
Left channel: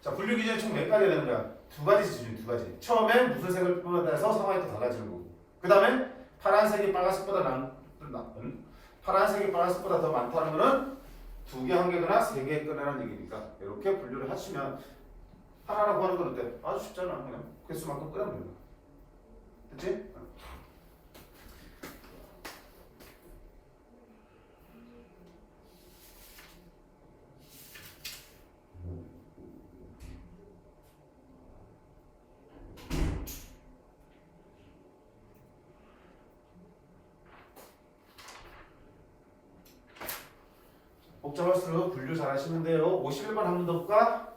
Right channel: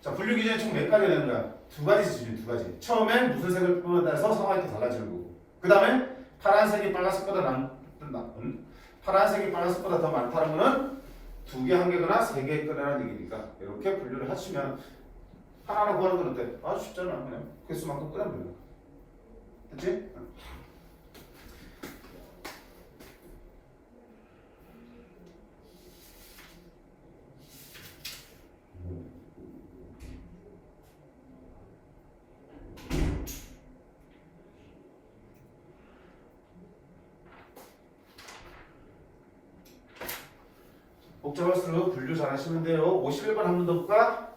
자, 분류 기준이 총 몇 가지 되는 거야? 2가지 기준이 2가지. 처음엔 무슨 색을 뽑아서 상황이 또 달라지는 거고. 그 다음에 파란색이 빨간색보다 파란색이 빨간색보다 더 많다는 거는 2개, 1개거나 3개 꺼내라는 얘기니까 이렇게 분류를 하시면 하나하나 구하는 건 어때? 아주 쉽잖아. 그냥 개수만큼 꺼내면 되는 거야. 됐지? 복잡할수록 분류 잘 하시면 돼요. 51번 한 번 더 볼까?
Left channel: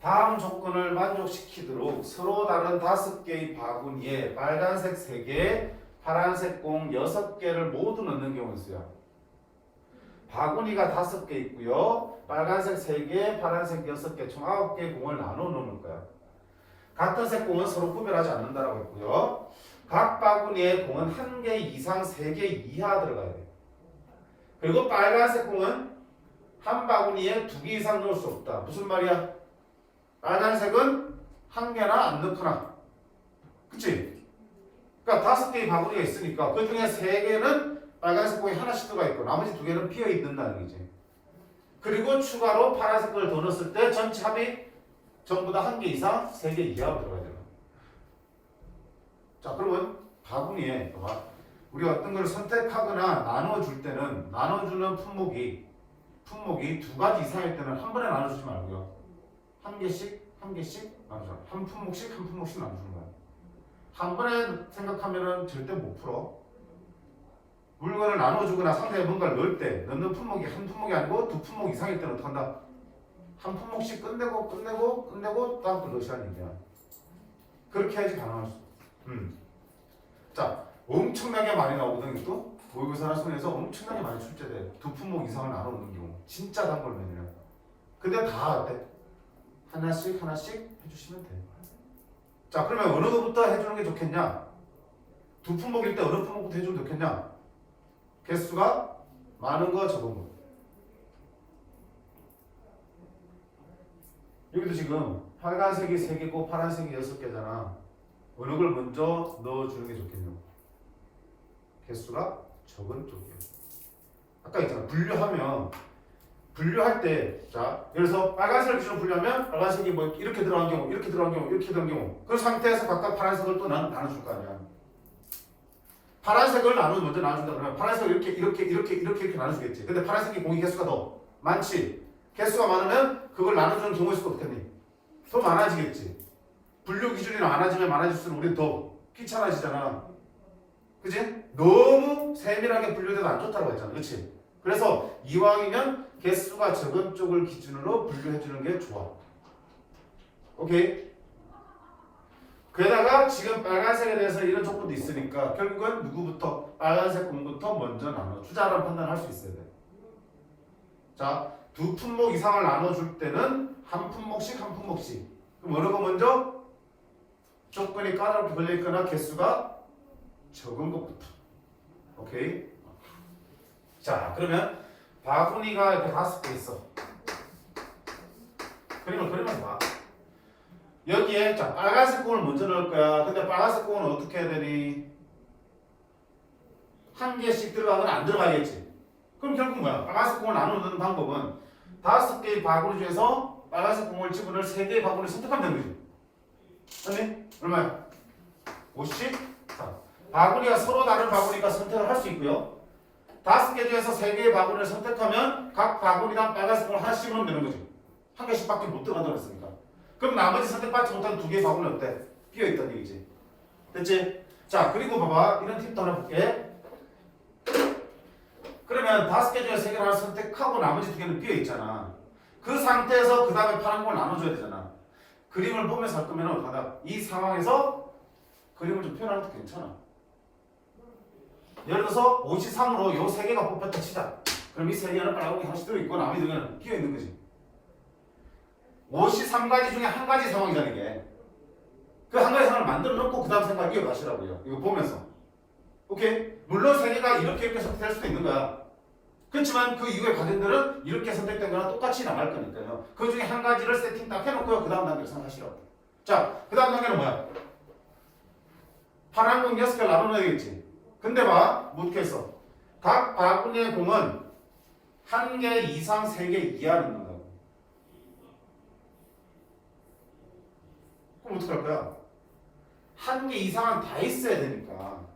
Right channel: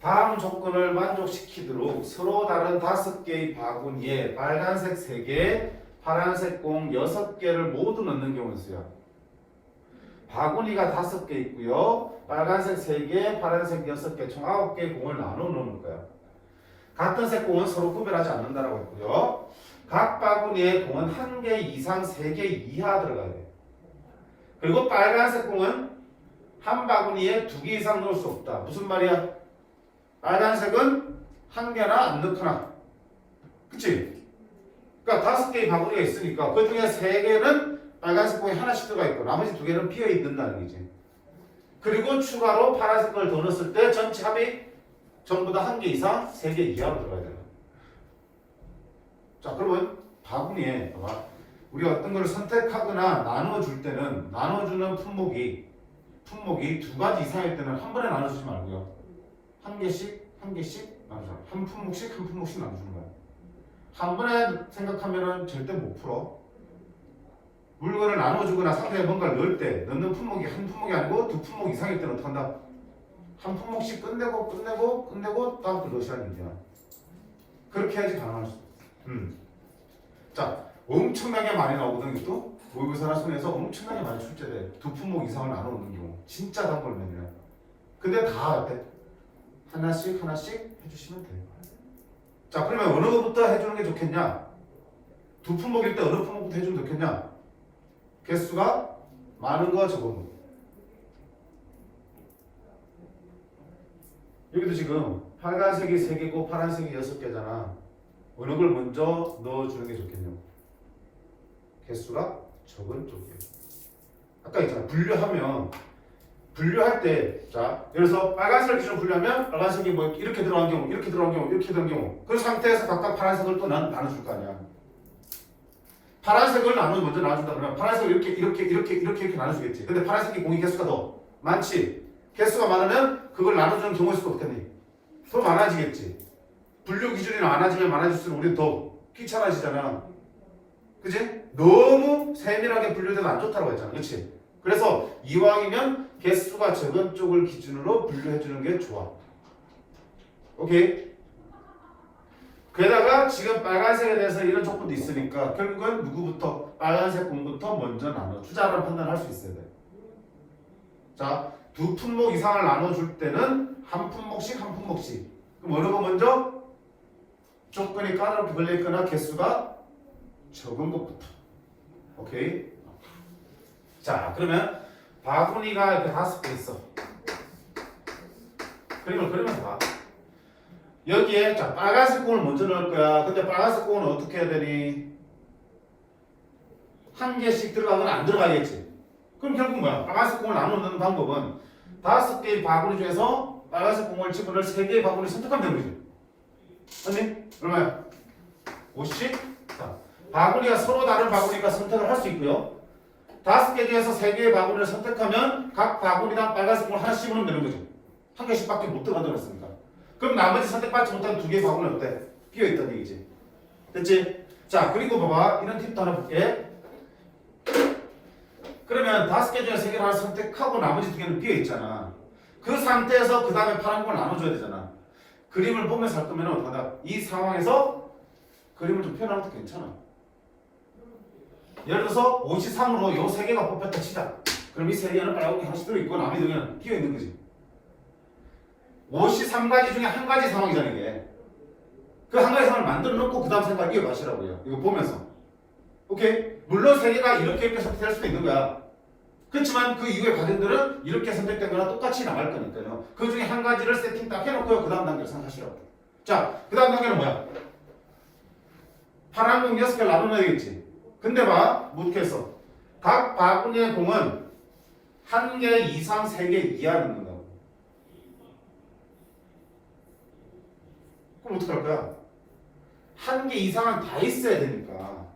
다음 조건을 만족시키도록 서로 다른 5개의 바구니에 빨간색 3개, 파란색 공 6개를 모두 넣는 경우 수야. 바구니가 5개 있고요. 빨간색 3개, 파란색 6개, 총 9개의 공을 나눠 놓을 거야. 같은 색 공은 서로 구별하지 않는다라고 했고요. 각 바구니에 공은 1개 이상 3개 이하 들어가야 돼. 그리고 빨간색 공은 한 바구니에 2개 이상 넣을 수 없다. 무슨 말이야? 빨간색은 1개나 안 넣거나. 그치? 그러니까 5개의 바구니가 있으니까 그 중에 3개는 빨간색 공이 하나씩 들어가 있고 나머지 2개는 비어 있는다는 거지. 그리고 추가로 파란색 걸 더 넣었을 때 전체 합이 전부 다 1개 이상 3개 이하로 들어가야 되는 거야. 자, 그러면 바구니에 봐봐. 우리가 어떤 걸 선택하거나 나눠줄 때는 나눠주는 품목이 2가지 이상일 때는 한 번에 나눠주지 말고요. 한 개씩 나눠줘. 한 품목씩 나눠주는 거야. 한 번에 생각하면은 절대 못 풀어. 물건을 나눠주거나 상자에 뭔가를 넣을 때 넣는 품목이 한 품목이 아니고 2품목 이상일 때는 어떻게 한다? 한 품목씩 끝내고 다음 거 넣으시라는 얘기야. 그렇게 해야지 가능할 수 있어. 자, 엄청나게 많이 나오거든. 이것도 모의고사나 수능에서 엄청나게 많이 출제돼. 두 품목 이상을 나누는 경우 진짜 단골맨이야. 근데 다 어때? 하나씩 해주시면 돼요. 자, 그러면 어느 것부터 해주는 게 좋겠냐? 두 품목일 때 어느 품목부터 해주면 좋겠냐? 개수가 많은 거 적은 거. 여기도 지금 빨간색이 3개고 파란색이 6개잖아. 어느 걸 먼저 넣어주는 게 좋겠냐고. 개수가 적은 쪽이에요. 아까 있잖아. 분류할 때, 자, 예를 들어서 빨간색을 기준으로 분류하면 빨간색이 뭐 이렇게 들어간 경우, 이렇게 들어간 경우, 이렇게 들어간 경우. 그 상태에서 각각 파란색을 또 나눠줄 거 아니야. 파란색을 먼저 나눠준다 그러면 파란색을 이렇게 나눠주겠지. 근데 파란색이 공이 개수가 더 많지. 개수가 많으면 그걸 나눠주는 경우의 수가 어떻겠니? 더 많아지겠지. 분류 기준이 많아질수록 우리 더 귀찮아지잖아. 그치? 너무 세밀하게 분류돼도 안 좋다고 했잖아. 그치? 그래서 이왕이면 개수가 적은 쪽을 기준으로 분류해주는 게 좋아. 오케이? 게다가 지금 빨간색에 대해서 이런 조건도 있으니까 결국은 누구부터? 빨간색 공부터 먼저 나눠주자라는 판단을 할 수 있어야 돼. 자, 두 품목 이상을 나눠줄 때는 한 품목씩. 그럼 어느 거 먼저? 조건이 까다롭게 걸려있거나 개수가 적은 것부터. 오케이? 자, 그러면 바구니가 이렇게 5개 있어. 그림을 그리면서 봐. 여기에 자 빨간색 공을 먼저 넣을 거야. 근데 빨간색 공은 어떻게 해야 되니? 한 개씩 들어가거나 안 들어가겠지. 그럼 결국 뭐야? 빨간색 공을 나눠 넣는 방법은 5개의 바구니 중에서 빨간색 공을 집어넣을 3개의 바구니를 선택하면 되는 거지. 맞니? 얼마야? 50? 자, 바구니가 서로 다른 바구니니까 선택을 할 수 있고요. 5개 중에서 3개의 바구니를 선택하면 각 바구니당 빨간색 공을 하나씩 넣으면 되는 거지. 한 개씩밖에 못 들어간다고 했으니까. 그럼 나머지 선택받지 못한 2개의 바구니는 어때? 비어있다는 얘기지. 됐지? 자, 그리고 봐봐. 이런 팁도 하나 볼게. 그러면 5개 중에 3개를 하나 선택하고 나머지 2개는 비어있잖아. 그 상태에서 그 다음에 파란 공을 나눠줘야 되잖아. 그림을 보면서 할 거면 어떡하나? 이 상황에서 그림을 좀 표현하는 것도 괜찮아. 예를 들어서 53으로 요 3개가 뽑혔다 치자. 그럼 이 3개는 빨간 공이 하나씩 들어있고 나머지 2개는 비어있는 거지. 53가지 중에 한 가지 상황이잖아 이게. 그 한 가지 상황을 만들어 놓고 그 다음 생각 이어가시라고요. 이거 보면서. 오케이? 물론 3개가 이렇게 선택될 수도 있는 거야. 그렇지만 그 이후의 과정들은 이렇게 선택된 거랑 똑같이 나갈 거니까요. 그 중에 한 가지를 세팅 딱 해놓고요. 그 다음 단계를 생각하시라고. 자, 그 다음 단계는 뭐야? 파란 공 6개를 나눠놔야 되겠지. 근데 봐, 어떻게 했어? 각 바구니의 공은 1개 이상 3개 이하 넣는다고. 그럼 어떡할 거야? 1개 이상은 다 있어야 되니까.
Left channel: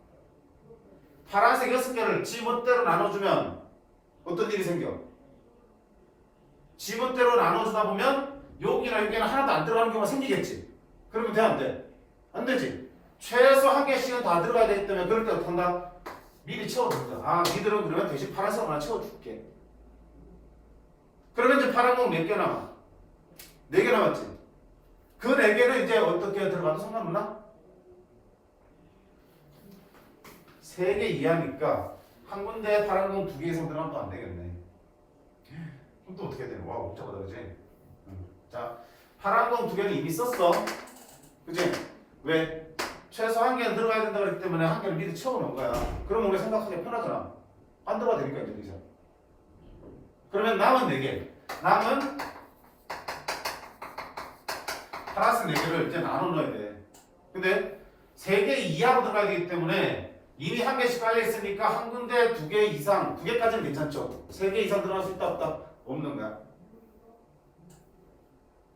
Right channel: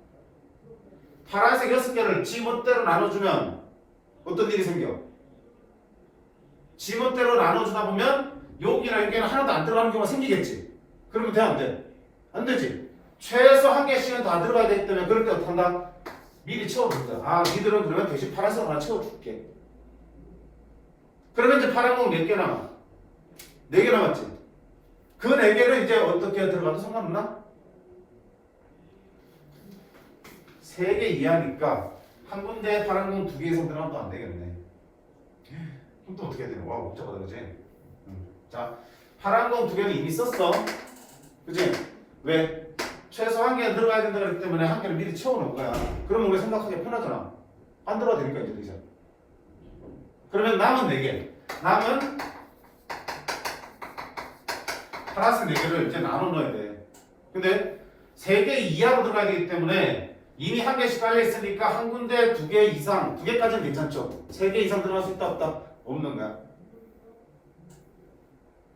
파란색 6개를 지멋대로 나눠주면 어떤 일이 생겨? 지멋대로 나눠주다 보면 여기나 여기는 하나도 안 들어가는 경우가 생기겠지. 그러면 돼, 안 돼? 안 되지. 최소 1개씩은 다 들어가야 되기 때문에 그럴 때 어떻게 한다? 미리 채워준다. 아, 니들은 그러면 대신 파란색 하나 채워줄게. 그러면 이제 파란 공 몇 개 남아? 4개 남았지. 그 4개는 이제 어떻게 들어가도 상관없나? 3개 이하니까 한 군데에 파란 공 2개 이상 들어가면 또 안 되겠네. 그럼 또 어떻게 해야 되나? 와, 복잡하다, 그지? 자, 파란 공 2개는 이미 썼어. 그지? 왜? 최소 1개는 들어가야 된다 그랬기 때문에 1개를 미리 채워놓은 거야. 그러면 우리 생각하기 편하잖아. 안 들어가도 되니까 이제. 그러면 남은 4개. 남은 파란색 4개를 이제 나눠 넣어야 돼. 근데 3개 이하로 들어가야 되기 때문에 이미 1개씩 깔려 있으니까 한 군데 2개 이상, 2개까지는 괜찮죠. 3개 이상 들어갈 수 있다 없다? 없는 거야.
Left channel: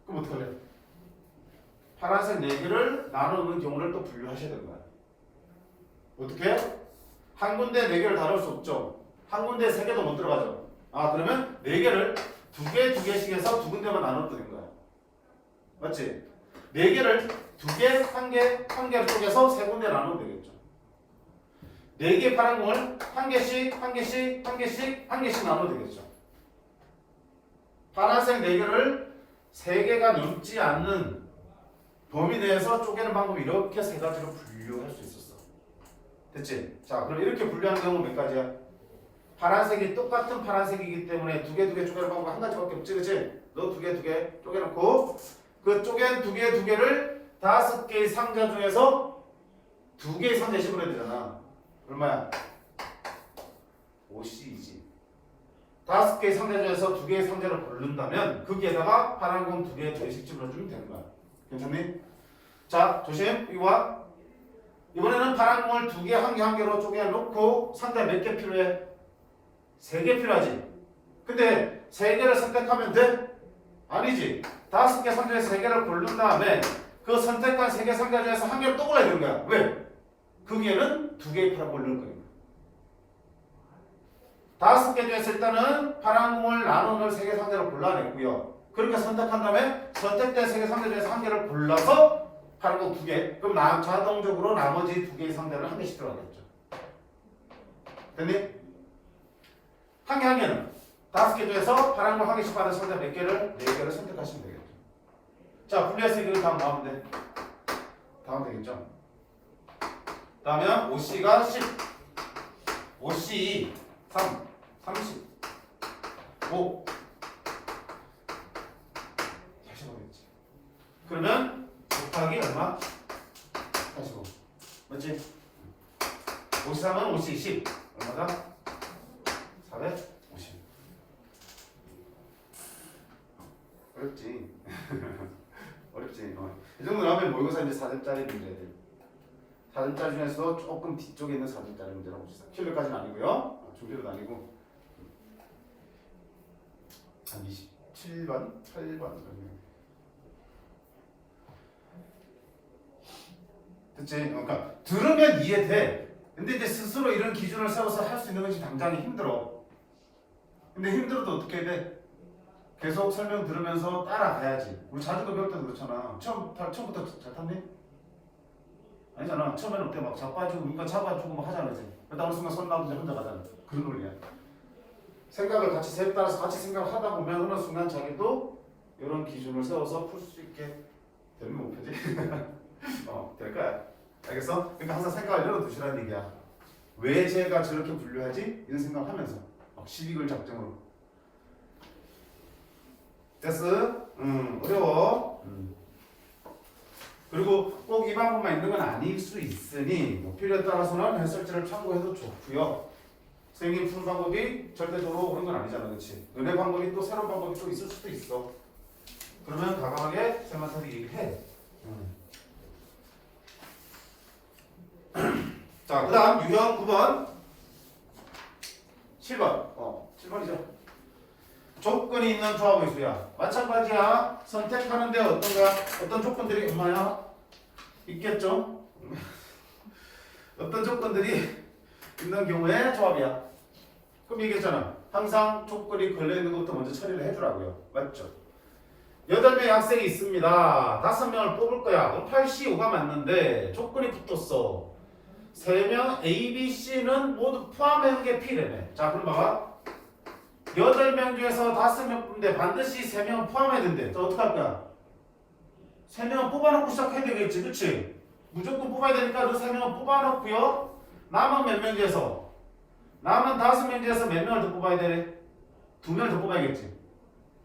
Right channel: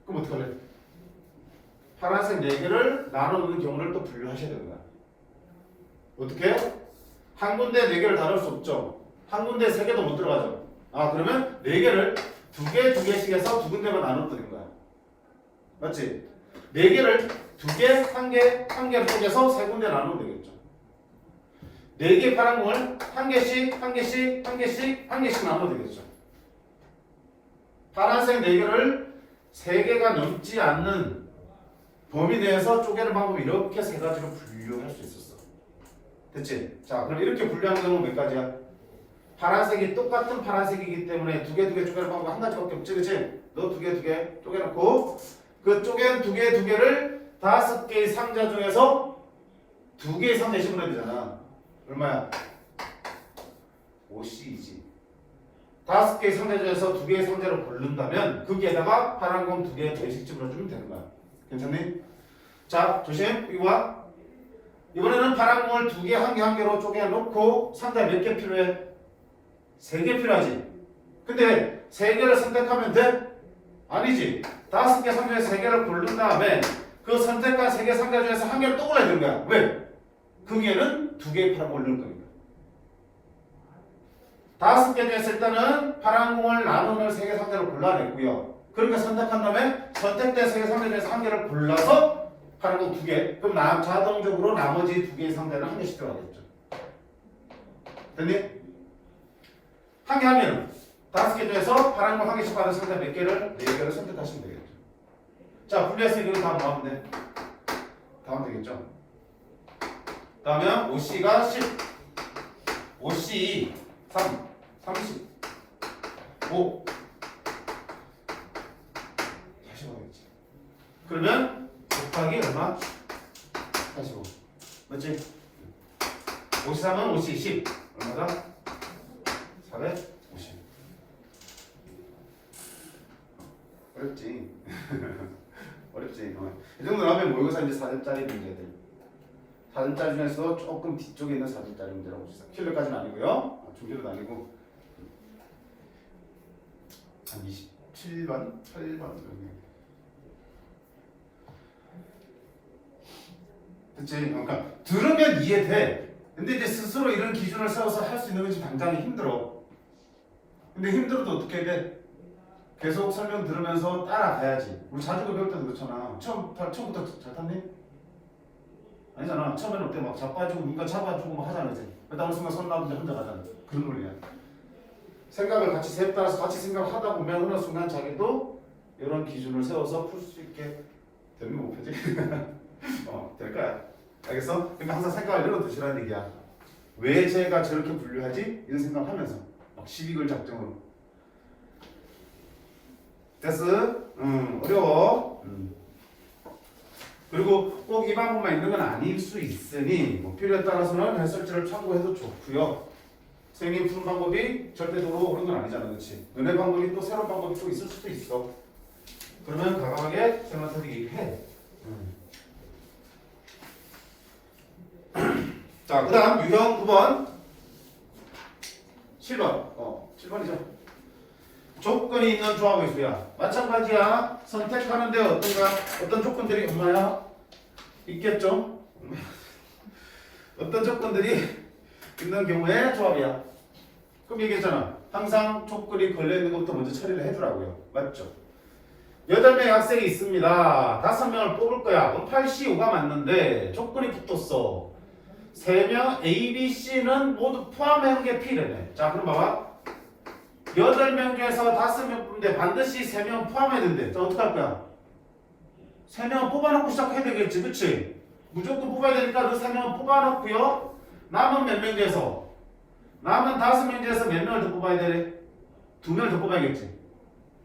그럼 어떡할래? 파란색 4개를 나눠 놓는 경우를 또 분류하셔야 되는 거야. 어떻게? 한 군데 4개를 다 넣을 수 없죠. 한 군데 3개도 못 들어가죠. 아, 그러면 4개를 2개씩 해서 2군데만 나눠도 되는 거야. 맞지? 4개를 2개, 1개, 1개를 쪼개서 3군데 나누면 되겠죠. 4개의 파란 공을 1개씩 나누면 되겠죠. 파란색 4개를 3개가 넘지 않는 범위 내에서 쪼개는 방법이 이렇게 3가지로 분류할 수 있었어. 됐지? 자, 그럼 이렇게 분류하는 경우는 몇 가지야? 파란색이 똑같은 파란색이기 때문에 두 개 쪼개는 방법 한 가지밖에 없지, 그치? 너 두 개 쪼개놓고 그 쪼갠 두 개를 5개의 상자 중에서 2개의 상자에 집어넣어야 되잖아. 얼마야? 5C이지. 5개의 상자 중에서 2개의 상자를 고른다면 거기에다가 파란 공 2개씩 집어넣어주면 되는 거야. 괜찮니? 자, 조심. 이거 봐. 이번에는 파란 공을 2개, 1개, 1개로 쪼개놓고 상자 몇 개 필요해? 3개 필요하지. 근데 3개를 선택하면 돼? 아니지. 5개 상자 중에 3개를 고른 다음에 그 선택한 3개 상자 중에서 1개를 또 골라야 되는 거야. 왜? 거기에는 2개의 파란 공을 넣을 거니까. 5개 중에서 일단은 파란 공을 나누는 3개 상자를 골라냈고요. 그렇게 선택한 다음에 선택된 3개 상자 중에서 1개를 골라서 파란 공 2개. 그럼 자동적으로 나머지 2개의 상자를 1개씩 들어가겠죠. 됐니? 1개 하면 5개 중에서 파란 공 1개씩 받은 상자 몇 개를? 4개를 선택하시면 되겠죠. 자, 분리했으니까 이거 다 뭐 하면 돼? 다 하면 되겠죠. 다음에 5C가 10, 5C 3, 30, 5 45겠지. 그러면 곱하기 얼마? 45. 맞지? 53은 5C 10 얼마다? 450. 어렵지. 어렵지. 이 정도 하면 모의고사 이제 4점짜리 문제들. 4점짜리 중에서 조금 뒤쪽에 있는 4점짜리 문제라고 봅시다. 킬러까지는 아니고요. 중킬러도 아니고 한 27번, 8번 정도. 됐지? 그러니까 들으면 이해돼. 근데 이제 스스로 이런 기준을 세워서 할 수 있는 것이 당장이 힘들어. 근데 힘들어도 어떻게 해야 돼? 계속 설명 들으면서 따라가야지. 우리 자전거 배울 때도 그렇잖아. 처음부터 잘 탔니? 아니잖아. 처음에는 어때? 막 자빠지고 누가 잡아주고 막 하잖아. 이제. 그러다 어느 순간 손 놔두고 혼자 가잖아. 그런 논리야. 생각을 같이 세 따라서 같이 생각을 하다 보면 어느 순간 자기도 이런 기준을 세워서 풀 수 있게 되는 목표지. 될 거야. 알겠어? 그러니까 항상 생각을 열어두시라는 얘기야. 왜 제가 저렇게 분류하지? 이런 생각을 하면서 막 시비글 작정으로. 됐어? 어려워. 그리고 꼭 이 방법만 있는 건 아닐 수 있으니 뭐 필요에 따라서는 해설지를 참고해도 좋고요. 선생님 푸는 방법이 절대적으로 그런 건 아니잖아, 그렇지? 너네 방법이 또 새로운 방법이 또 있을 수도 있어. 그러면 과감하게 쌤한테 얘기해. 자, 그 다음 유형 9번 7번 7번이죠. 조건이 있는 조합의 수야. 마찬가지야. 선택하는데 어떤 조건들이 얼마야? 있겠죠? 어떤 조건들이 있는 경우에 조합이야. 그럼 얘기했잖아. 항상 조건이 걸려있는 것부터 먼저 처리를 해주라고요. 맞죠? 8명의 학생이 있습니다. 5명을 뽑을 거야. 그럼 8C5가 맞는데 조건이 붙었어. 3명 A, B, C는 모두 포함한 게 P래네. 자, 그럼 봐봐. 8명 중에서 5명 뽑는데 반드시 3명 포함해야 된대. 자, 어떡할 거야? 3명 뽑아놓고 시작해야 되겠지, 그치? 무조건 뽑아야 되니까 그 3명 뽑아놓고요. 남은 몇 명 중에서? 남은 5명 중에서 몇 명을 더 뽑아야 되네? 2명을 더 뽑아야겠지.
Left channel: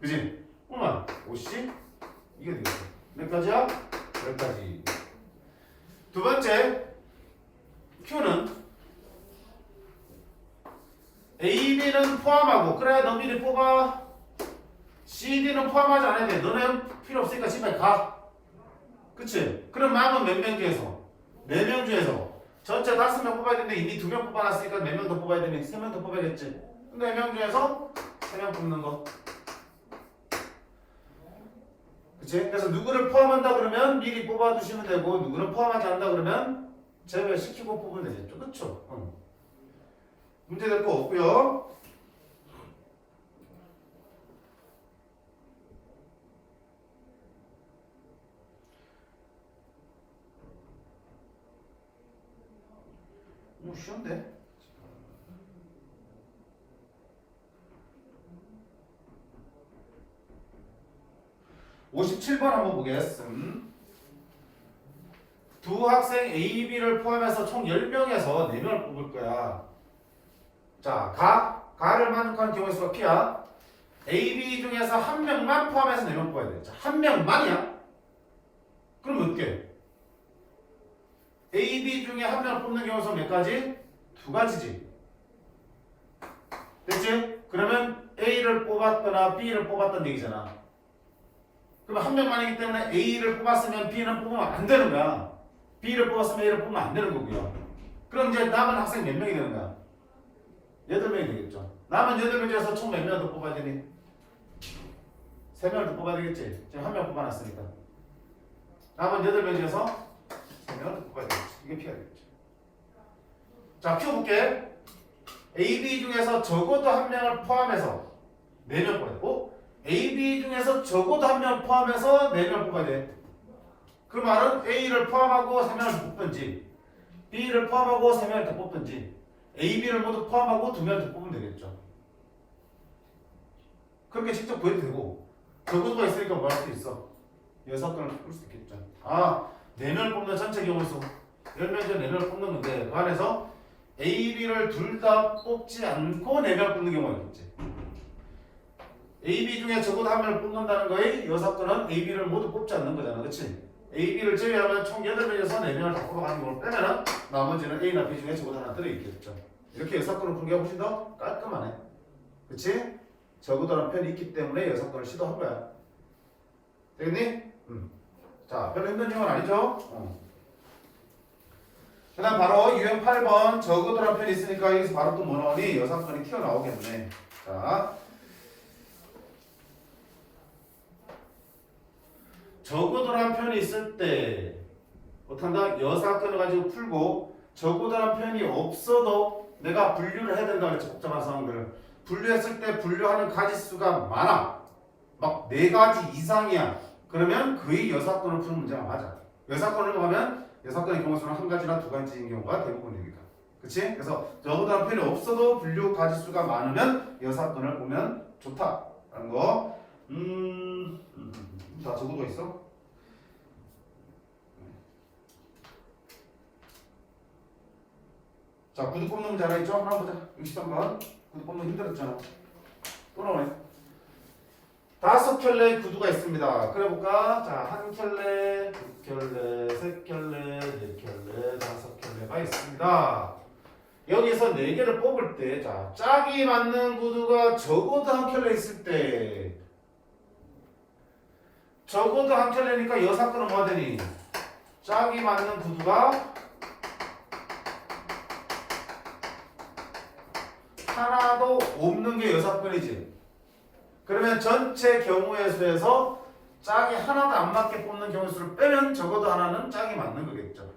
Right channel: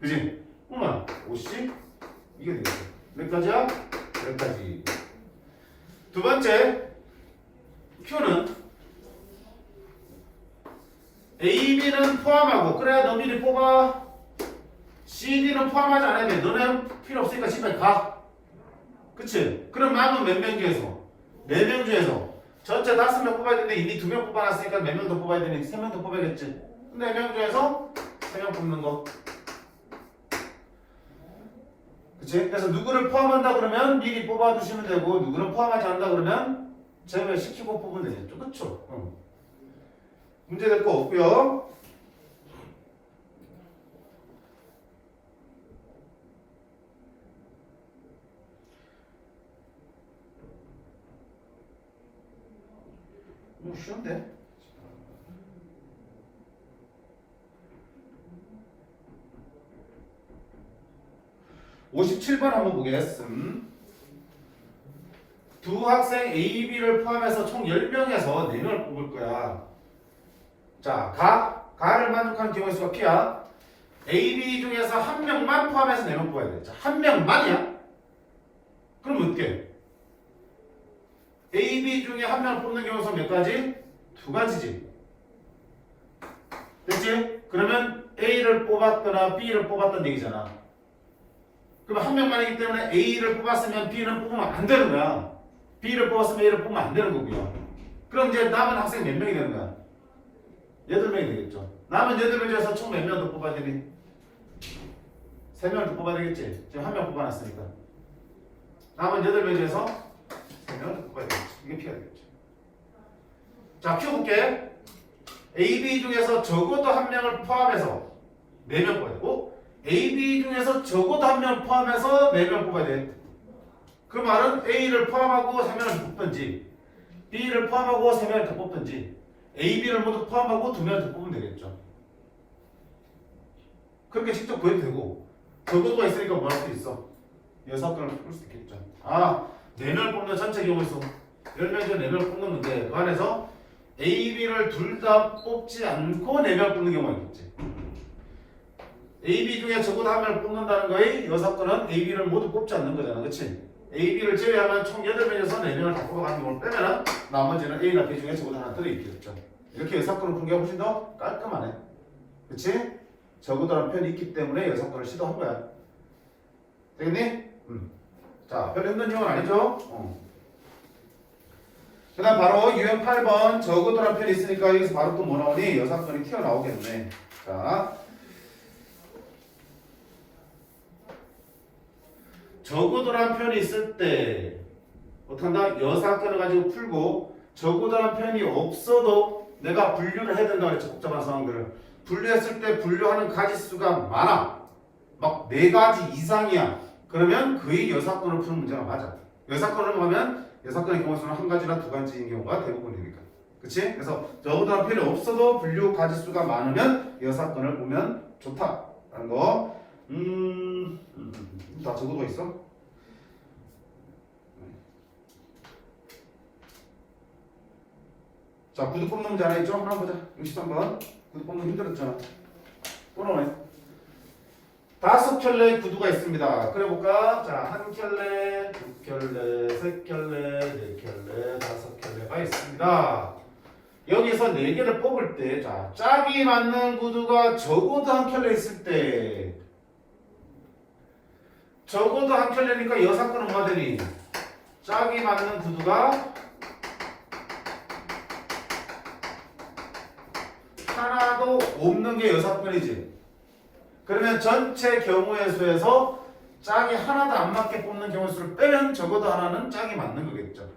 그치? 얼마? 5씩? 이게 되겠어. 몇 가지야? 10가지. 두 번째, Q는 A, B는 포함하고, 그래야 너 미리 뽑아. C, D는 포함하지 않아야 돼. 너는 필요 없으니까 집에 가. 그치? 그럼 남은 몇 명 중에서? 4명 중에서 전체 5명 뽑아야 되는데 이미 2명 뽑아놨으니까 몇 명 더 뽑아야 되니? 3명 더 뽑아야겠지. 4명 중에서 3명 뽑는 거. 그치? 그래서 누구를 포함한다 그러면 미리 뽑아두시면 되고, 누구를 포함하지 않는다 그러면 제외시키고 뽑으면 되겠죠. 그쵸? 문제 될 거 없고요. 쉬운데? (57번) 한번 보겠습니다. 두 학생 A, B를 포함해서 총 10명에서 4명을 뽑을 거야. 자, 가를 만족하는 경우의 수가 P야. A, B 중에서 한 명만 포함해서 4명 뽑아야 돼. 자, 한 명만이야? 그럼 어떻게? A, B 중에 한 명을 뽑는 경우의 수가 몇 가지? 2가지지. 됐지? 그러면 A를 뽑았거나 B를 뽑았던 얘기잖아. 그럼 한 명만이기 때문에 A를 뽑았으면 B는 뽑으면 안 되는 거야. B를 뽑았으면 A를 뽑으면 안 되는 거고요. 그럼 이제 남은 학생이 몇 명이 되는 거야? 8명이 되겠죠. 남은 8명 중에서 총 몇 명 더 뽑아야 되니? 3명을 더 뽑아야 되겠지. 지금 한 명 뽑아놨으니까. 남은 8명 중에서 3명을 더 뽑아야 되겠지. 이게 P가 되겠죠. 자, Q 볼게. A, B 중에서 적어도 한 명을 포함해서 4명 뽑아야 되고 A, B 중에서 적어도 한 명을 포함해서 4명 뽑아야 돼. 그 말은 A를 포함하고 3명을 뽑든지 B를 포함하고 3명을 더 뽑든지 A, B를 모두 포함하고 2명을 더 뽑으면 되겠죠. 그렇게 직접 구해도 되고 적어도가 있으니까 뭐 할 수 있어? 여사건을 풀 수 있겠죠. 4명을 뽑는 전체 경우 수 10명 중에 4명을 뽑는 건데 그 안에서 A, B를 둘 다 뽑지 않고 4명 뽑는 경우가 있겠지. A, B 중에 적어도 한 명을 뽑는다는 거의 여사건은 A, B를 모두 뽑지 않는 거잖아. 그치? A, B를 제외하면 총 8명에서 4명을 다 뽑아가는 경우를 빼면은 나머지는 A나 B 중에 적어도 하나 들어있겠죠. 이렇게 여사건을 푸는 게 훨씬 더 깔끔하네. 그치? 적어도라는 편이 있기 때문에 여사건을 시도한 거야. 되겠니? 자, 별로 힘든 용어는 아니죠? 그 다음 바로 유형 8번 적어도라는 편이 있으니까 여기서 바로 또 뭐 나오니? 여사건이 튀어나오겠네. 자, 적어도라는 표현이 있을 때 어떻게 한다? 여사건을 가지고 풀고 적어도라는 표현이 없어도 내가 분류를 해야 된다고 그랬지. 복잡한 상황들을 분류했을 때 분류하는 가지수가 많아. 막 4가지 이상이야. 그러면 거의 여사건을 푸는 문제가 맞아. 여사건을 하면 여사건의 경우 수는 1가지나 2가지인 경우가 대부분이니까. 그치? 그래서 적어도라는 표현이 없어도 분류 가지수가 많으면 여사건을 보면 좋다라는 거. 다 적어도 있어? 자, 구두 뽑는 문제 하나 있죠? 하나 보자. 63번. 구두 뽑는 힘들었잖아. 또 나오네. 5켤레의 구두가 있습니다. 그래 볼까? 자, 1켤레, 2켤레, 3켤레, 4켤레, 5켤레가 있습니다. 여기서 4개를 뽑을 때, 자, 짝이 맞는 구두가 적어도 1켤레 있을 때, 적어도 1켤레니까 여사건은 뭐가 되니? 짝이 맞는 구두가 하나도 없는 게 여사건이지. 그러면 전체 경우의 수에서 짝이 하나도 안 맞게 뽑는 경우 수를 빼면 적어도 하나는 짝이 맞는 거겠죠.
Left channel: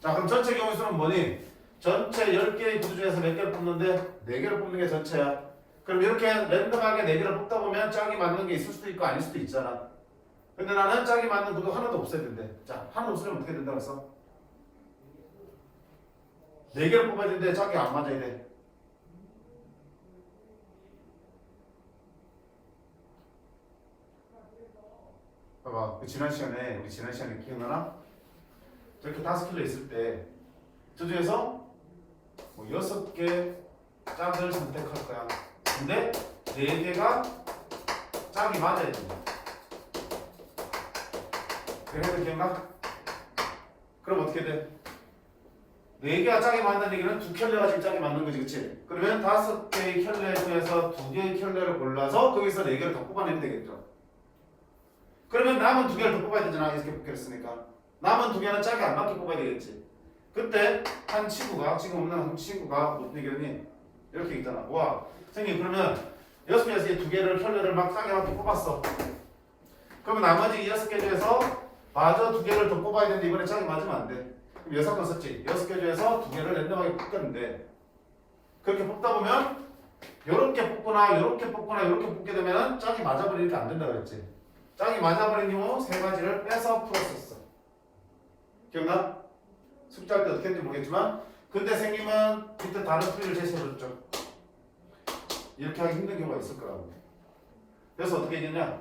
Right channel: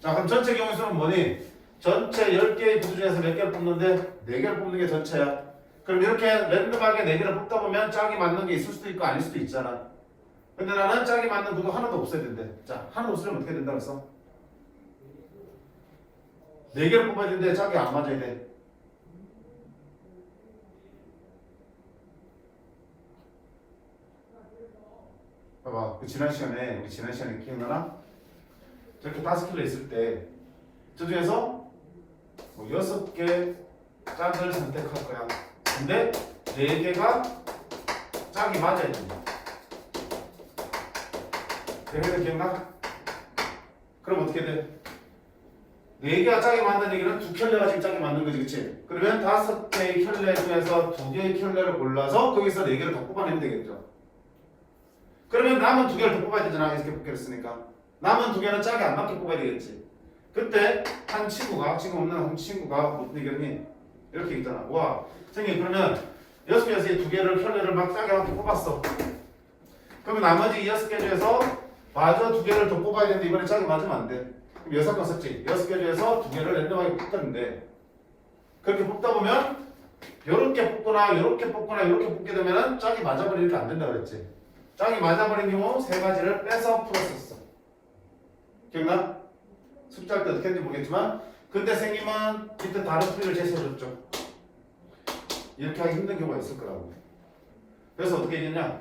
자, 그럼 전체 경우 수는 뭐니? 전체 10개의 구두 중에서 몇 개를 뽑는데 4개를 뽑는 게 전체야. 그럼 이렇게 랜덤하게 4개를 뽑다 보면 짝이 맞는 게 있을 수도 있고 아닐 수도 있잖아. 근데 나는 짝이 맞는 구두 하나도 없어야 된대. 자, 하나도 없으면 어떻게 된다고 했어? 4개를 뽑아야 되는데 짝이 안 맞아야 돼. 봐봐, 우리 지난 시간에 기억나나? 저렇게 5켤레 있을 때 저 중에서 뭐 6개 짝을 선택할 거야. 근데 4개가 짝이 맞아야 된다. 그래도 기억나? 그럼 어떻게 돼? 4개가 짝이 맞는 얘기는 2켤레가 지금 짝이 맞는 거지, 그치? 그러면 5개의 켤레 중에서 2개의 켤레를 골라서 거기서 4개를 더 뽑아내면 되겠죠. 그러면 남은 2개를 더 뽑아야 되잖아. 이렇게 뽑기를 했으니까. 남은 2개는 짝이 안 맞게 뽑아야 되겠지. 그때 한 친구가, 지금 없는 한 친구가 무슨 얘기했니? 이렇게 있잖아. 와, 선생님 그러면 6개에서 2개를 켤레를 막 짝이 맞게 뽑았어. 그러면 나머지 6개 중에서 마저 2개를 더 뽑아야 되는데 이번에 짝이 맞으면 안 돼. 그럼 6건 썼지. 6개 중에서 2개를 랜덤하게 뽑았는데 그렇게 뽑다 보면 요렇게 뽑거나 요렇게 뽑거나 요렇게 뽑게 되면은 짝이 맞아버리니까 안 된다 그랬지. 짝이 맞아버린 경우 3가지를 빼서 풀었었어. 기억나? 숙제할 때 어떻게 했는지 모르겠지만 그때 선생님은 그때 다른 풀이를 제시해줬죠. 이렇게 하기 힘든 경우가 있을 거라고. 그래서 어떻게 했느냐?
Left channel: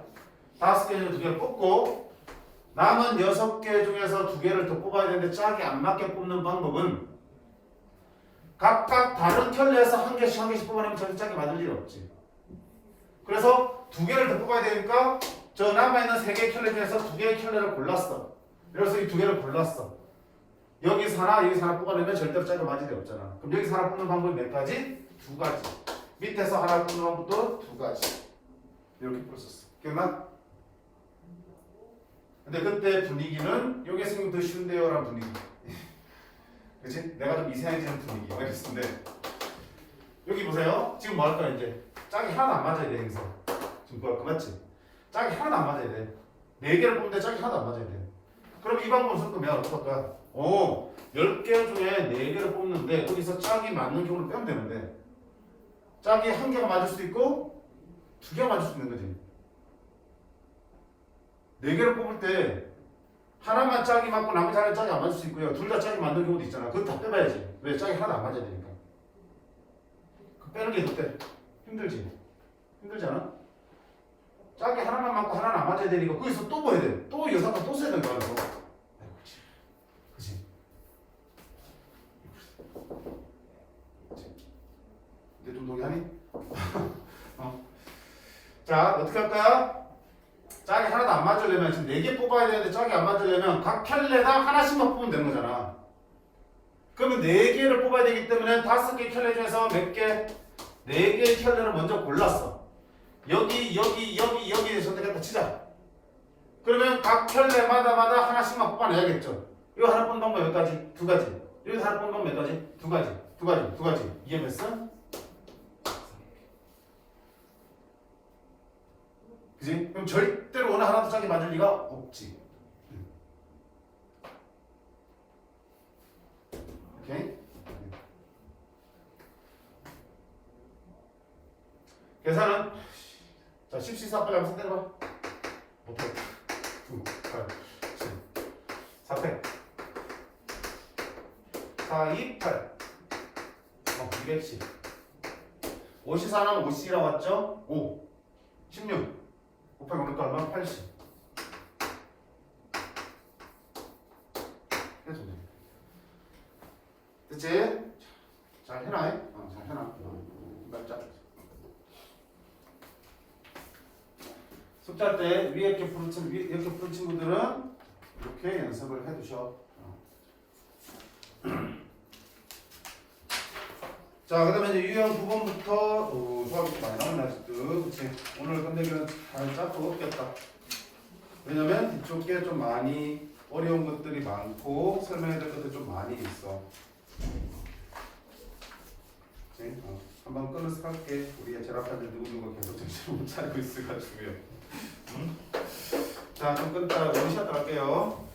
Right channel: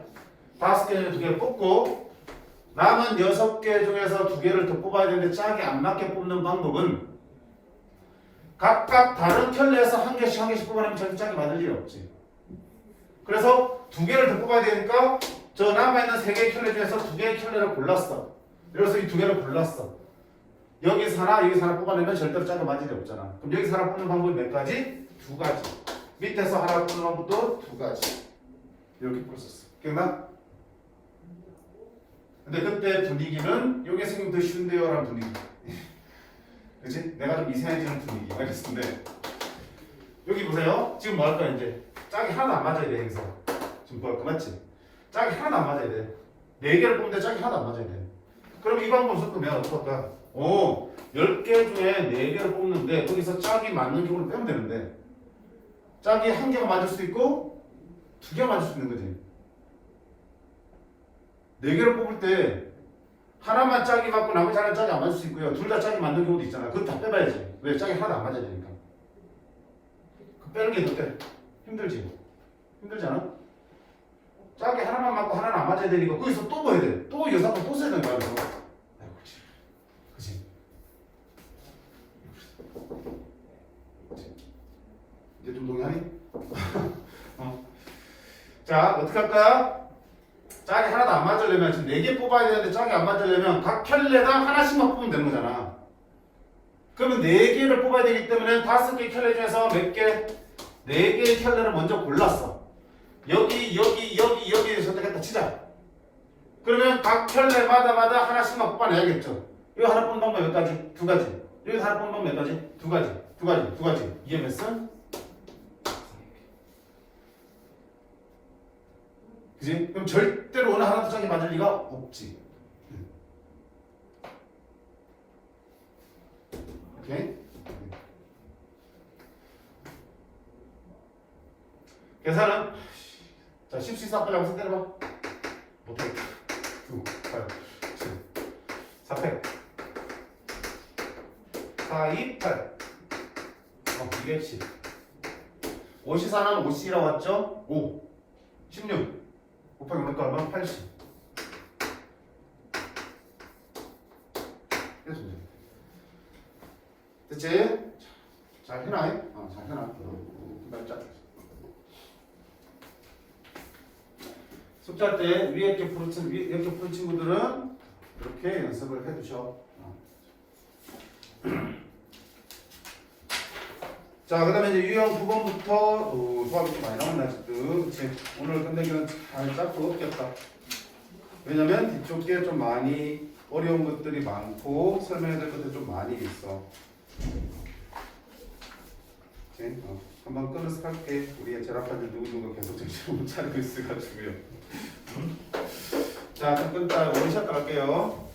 5개 중에 2개를 뽑고 남은 6개 중에서 2개를 더 뽑아야 되는데 짝이 안 맞게 뽑는 방법은 각각 다른 켤레에서 한 개씩 뽑아내면 절대 짝이 맞을 일이 없지. 그래서 2개를 더 뽑아야 되니까 저 남아있는 3개의 켤레 중에서 2개의 켤레를 골랐어. 그래서 이 2개를 골랐어. 여기서 하나, 여기서 하나 뽑아내면 절대로 짝이 맞을 일이 없잖아. 그럼 여기서 하나 뽑는 방법이 몇 가지? 2가지. 밑에서 하나 뽑는 방법도 2가지. 이렇게 풀었었어. 기억나? 근데 그때 분위기는 요게 선생님 더 쉬운데요 라는 분위기. 그치? 내가 좀 이상해지는 분위기 알겠는데 여기 보세요. 지금 뭐 할 거야 이제? 짝이 하나도 안 맞아야 돼 여기서. 지금 뭐 할 거 맞지? 짝이 하나도 안 맞아야 돼. 4개를 뽑는데 짝이 하나도 안 맞아야 돼. 그럼 이 방법을 섞으면 어떡할 거야? 10개 중에 4개를 뽑는데 거기서 짝이 맞는 경우를 빼면 되는데 짝이 1개가 맞을 수도 있고 2개가 맞을 수 있는 거지. 4개를 뽑을 때 하나만 짝이 맞고 나머지 하나는 짝이 안 맞을 수 있고요. 둘 다 짝이 맞는 경우도 있잖아. 그거 다 빼봐야지. 왜? 짝이 하나도 안 맞아야 되니까. 그 빼는 게 더 빼. 힘들지? 힘들지 않아? 짝이 하나만 맞고 하나는 안 맞아야 되니까 거기서 또 뭐 해야 돼? 또 여사가 또 써야 되는 거야. 그래서. 아이고, 그치? 이제 좀 동의하니? 자, 어떻게 할까? 짝이 하나도 안 맞으려면 지금 4개 뽑아야 되는데 짝이 안 맞으려면 각 켤레당 하나씩만 뽑으면 되는 거잖아. 그러면 4개를 뽑아야 되기 때문에 5개 켤레 중에서 몇 개? 4개의 켤레를 먼저 골랐어. 여기 선택했다 치자. 그러면 각 켤레마다 하나씩만 뽑아내야겠죠. 이거 하나 뽑는 방법 몇 가지? 2가지. 여기서 하나 뽑는 방법 몇 가지? 2가지. 이해했어? 그지? 그럼 절대로 어느 하나도 짝이 맞을 리가 없지. 오케이? 계산은 자 10시 빨리 한번 때려봐. 못해. 9, 8, 7, 4팩 4, 2, 8 이게 10 5시 4는 5C라고 왔죠? 5 16 곱하기 500거 얼마? 80 그래서 됐지? 잘 해놔. 잘 해놔. 말자. 숙제할 때 위에 이렇게 푸른 친구들은 이렇게 연습을 해두셔. 자, 그 다음에 이제 유형 9번부터 수학이 좀 많이 나오네 아직도. 그치? 오늘 끝내기는 잘 잡고 없겠다. 왜냐면 뒤쪽 게 좀 많이 어려운 것들이 많고 설명해야 될 것들이 좀 많이 있어. 그치? 한번 끊어서 갈게. 우리 제라파들 누구누가 계속 정신을 못 차리고 있어가지고요. 자, 좀 끊다가 원샷 갈게요.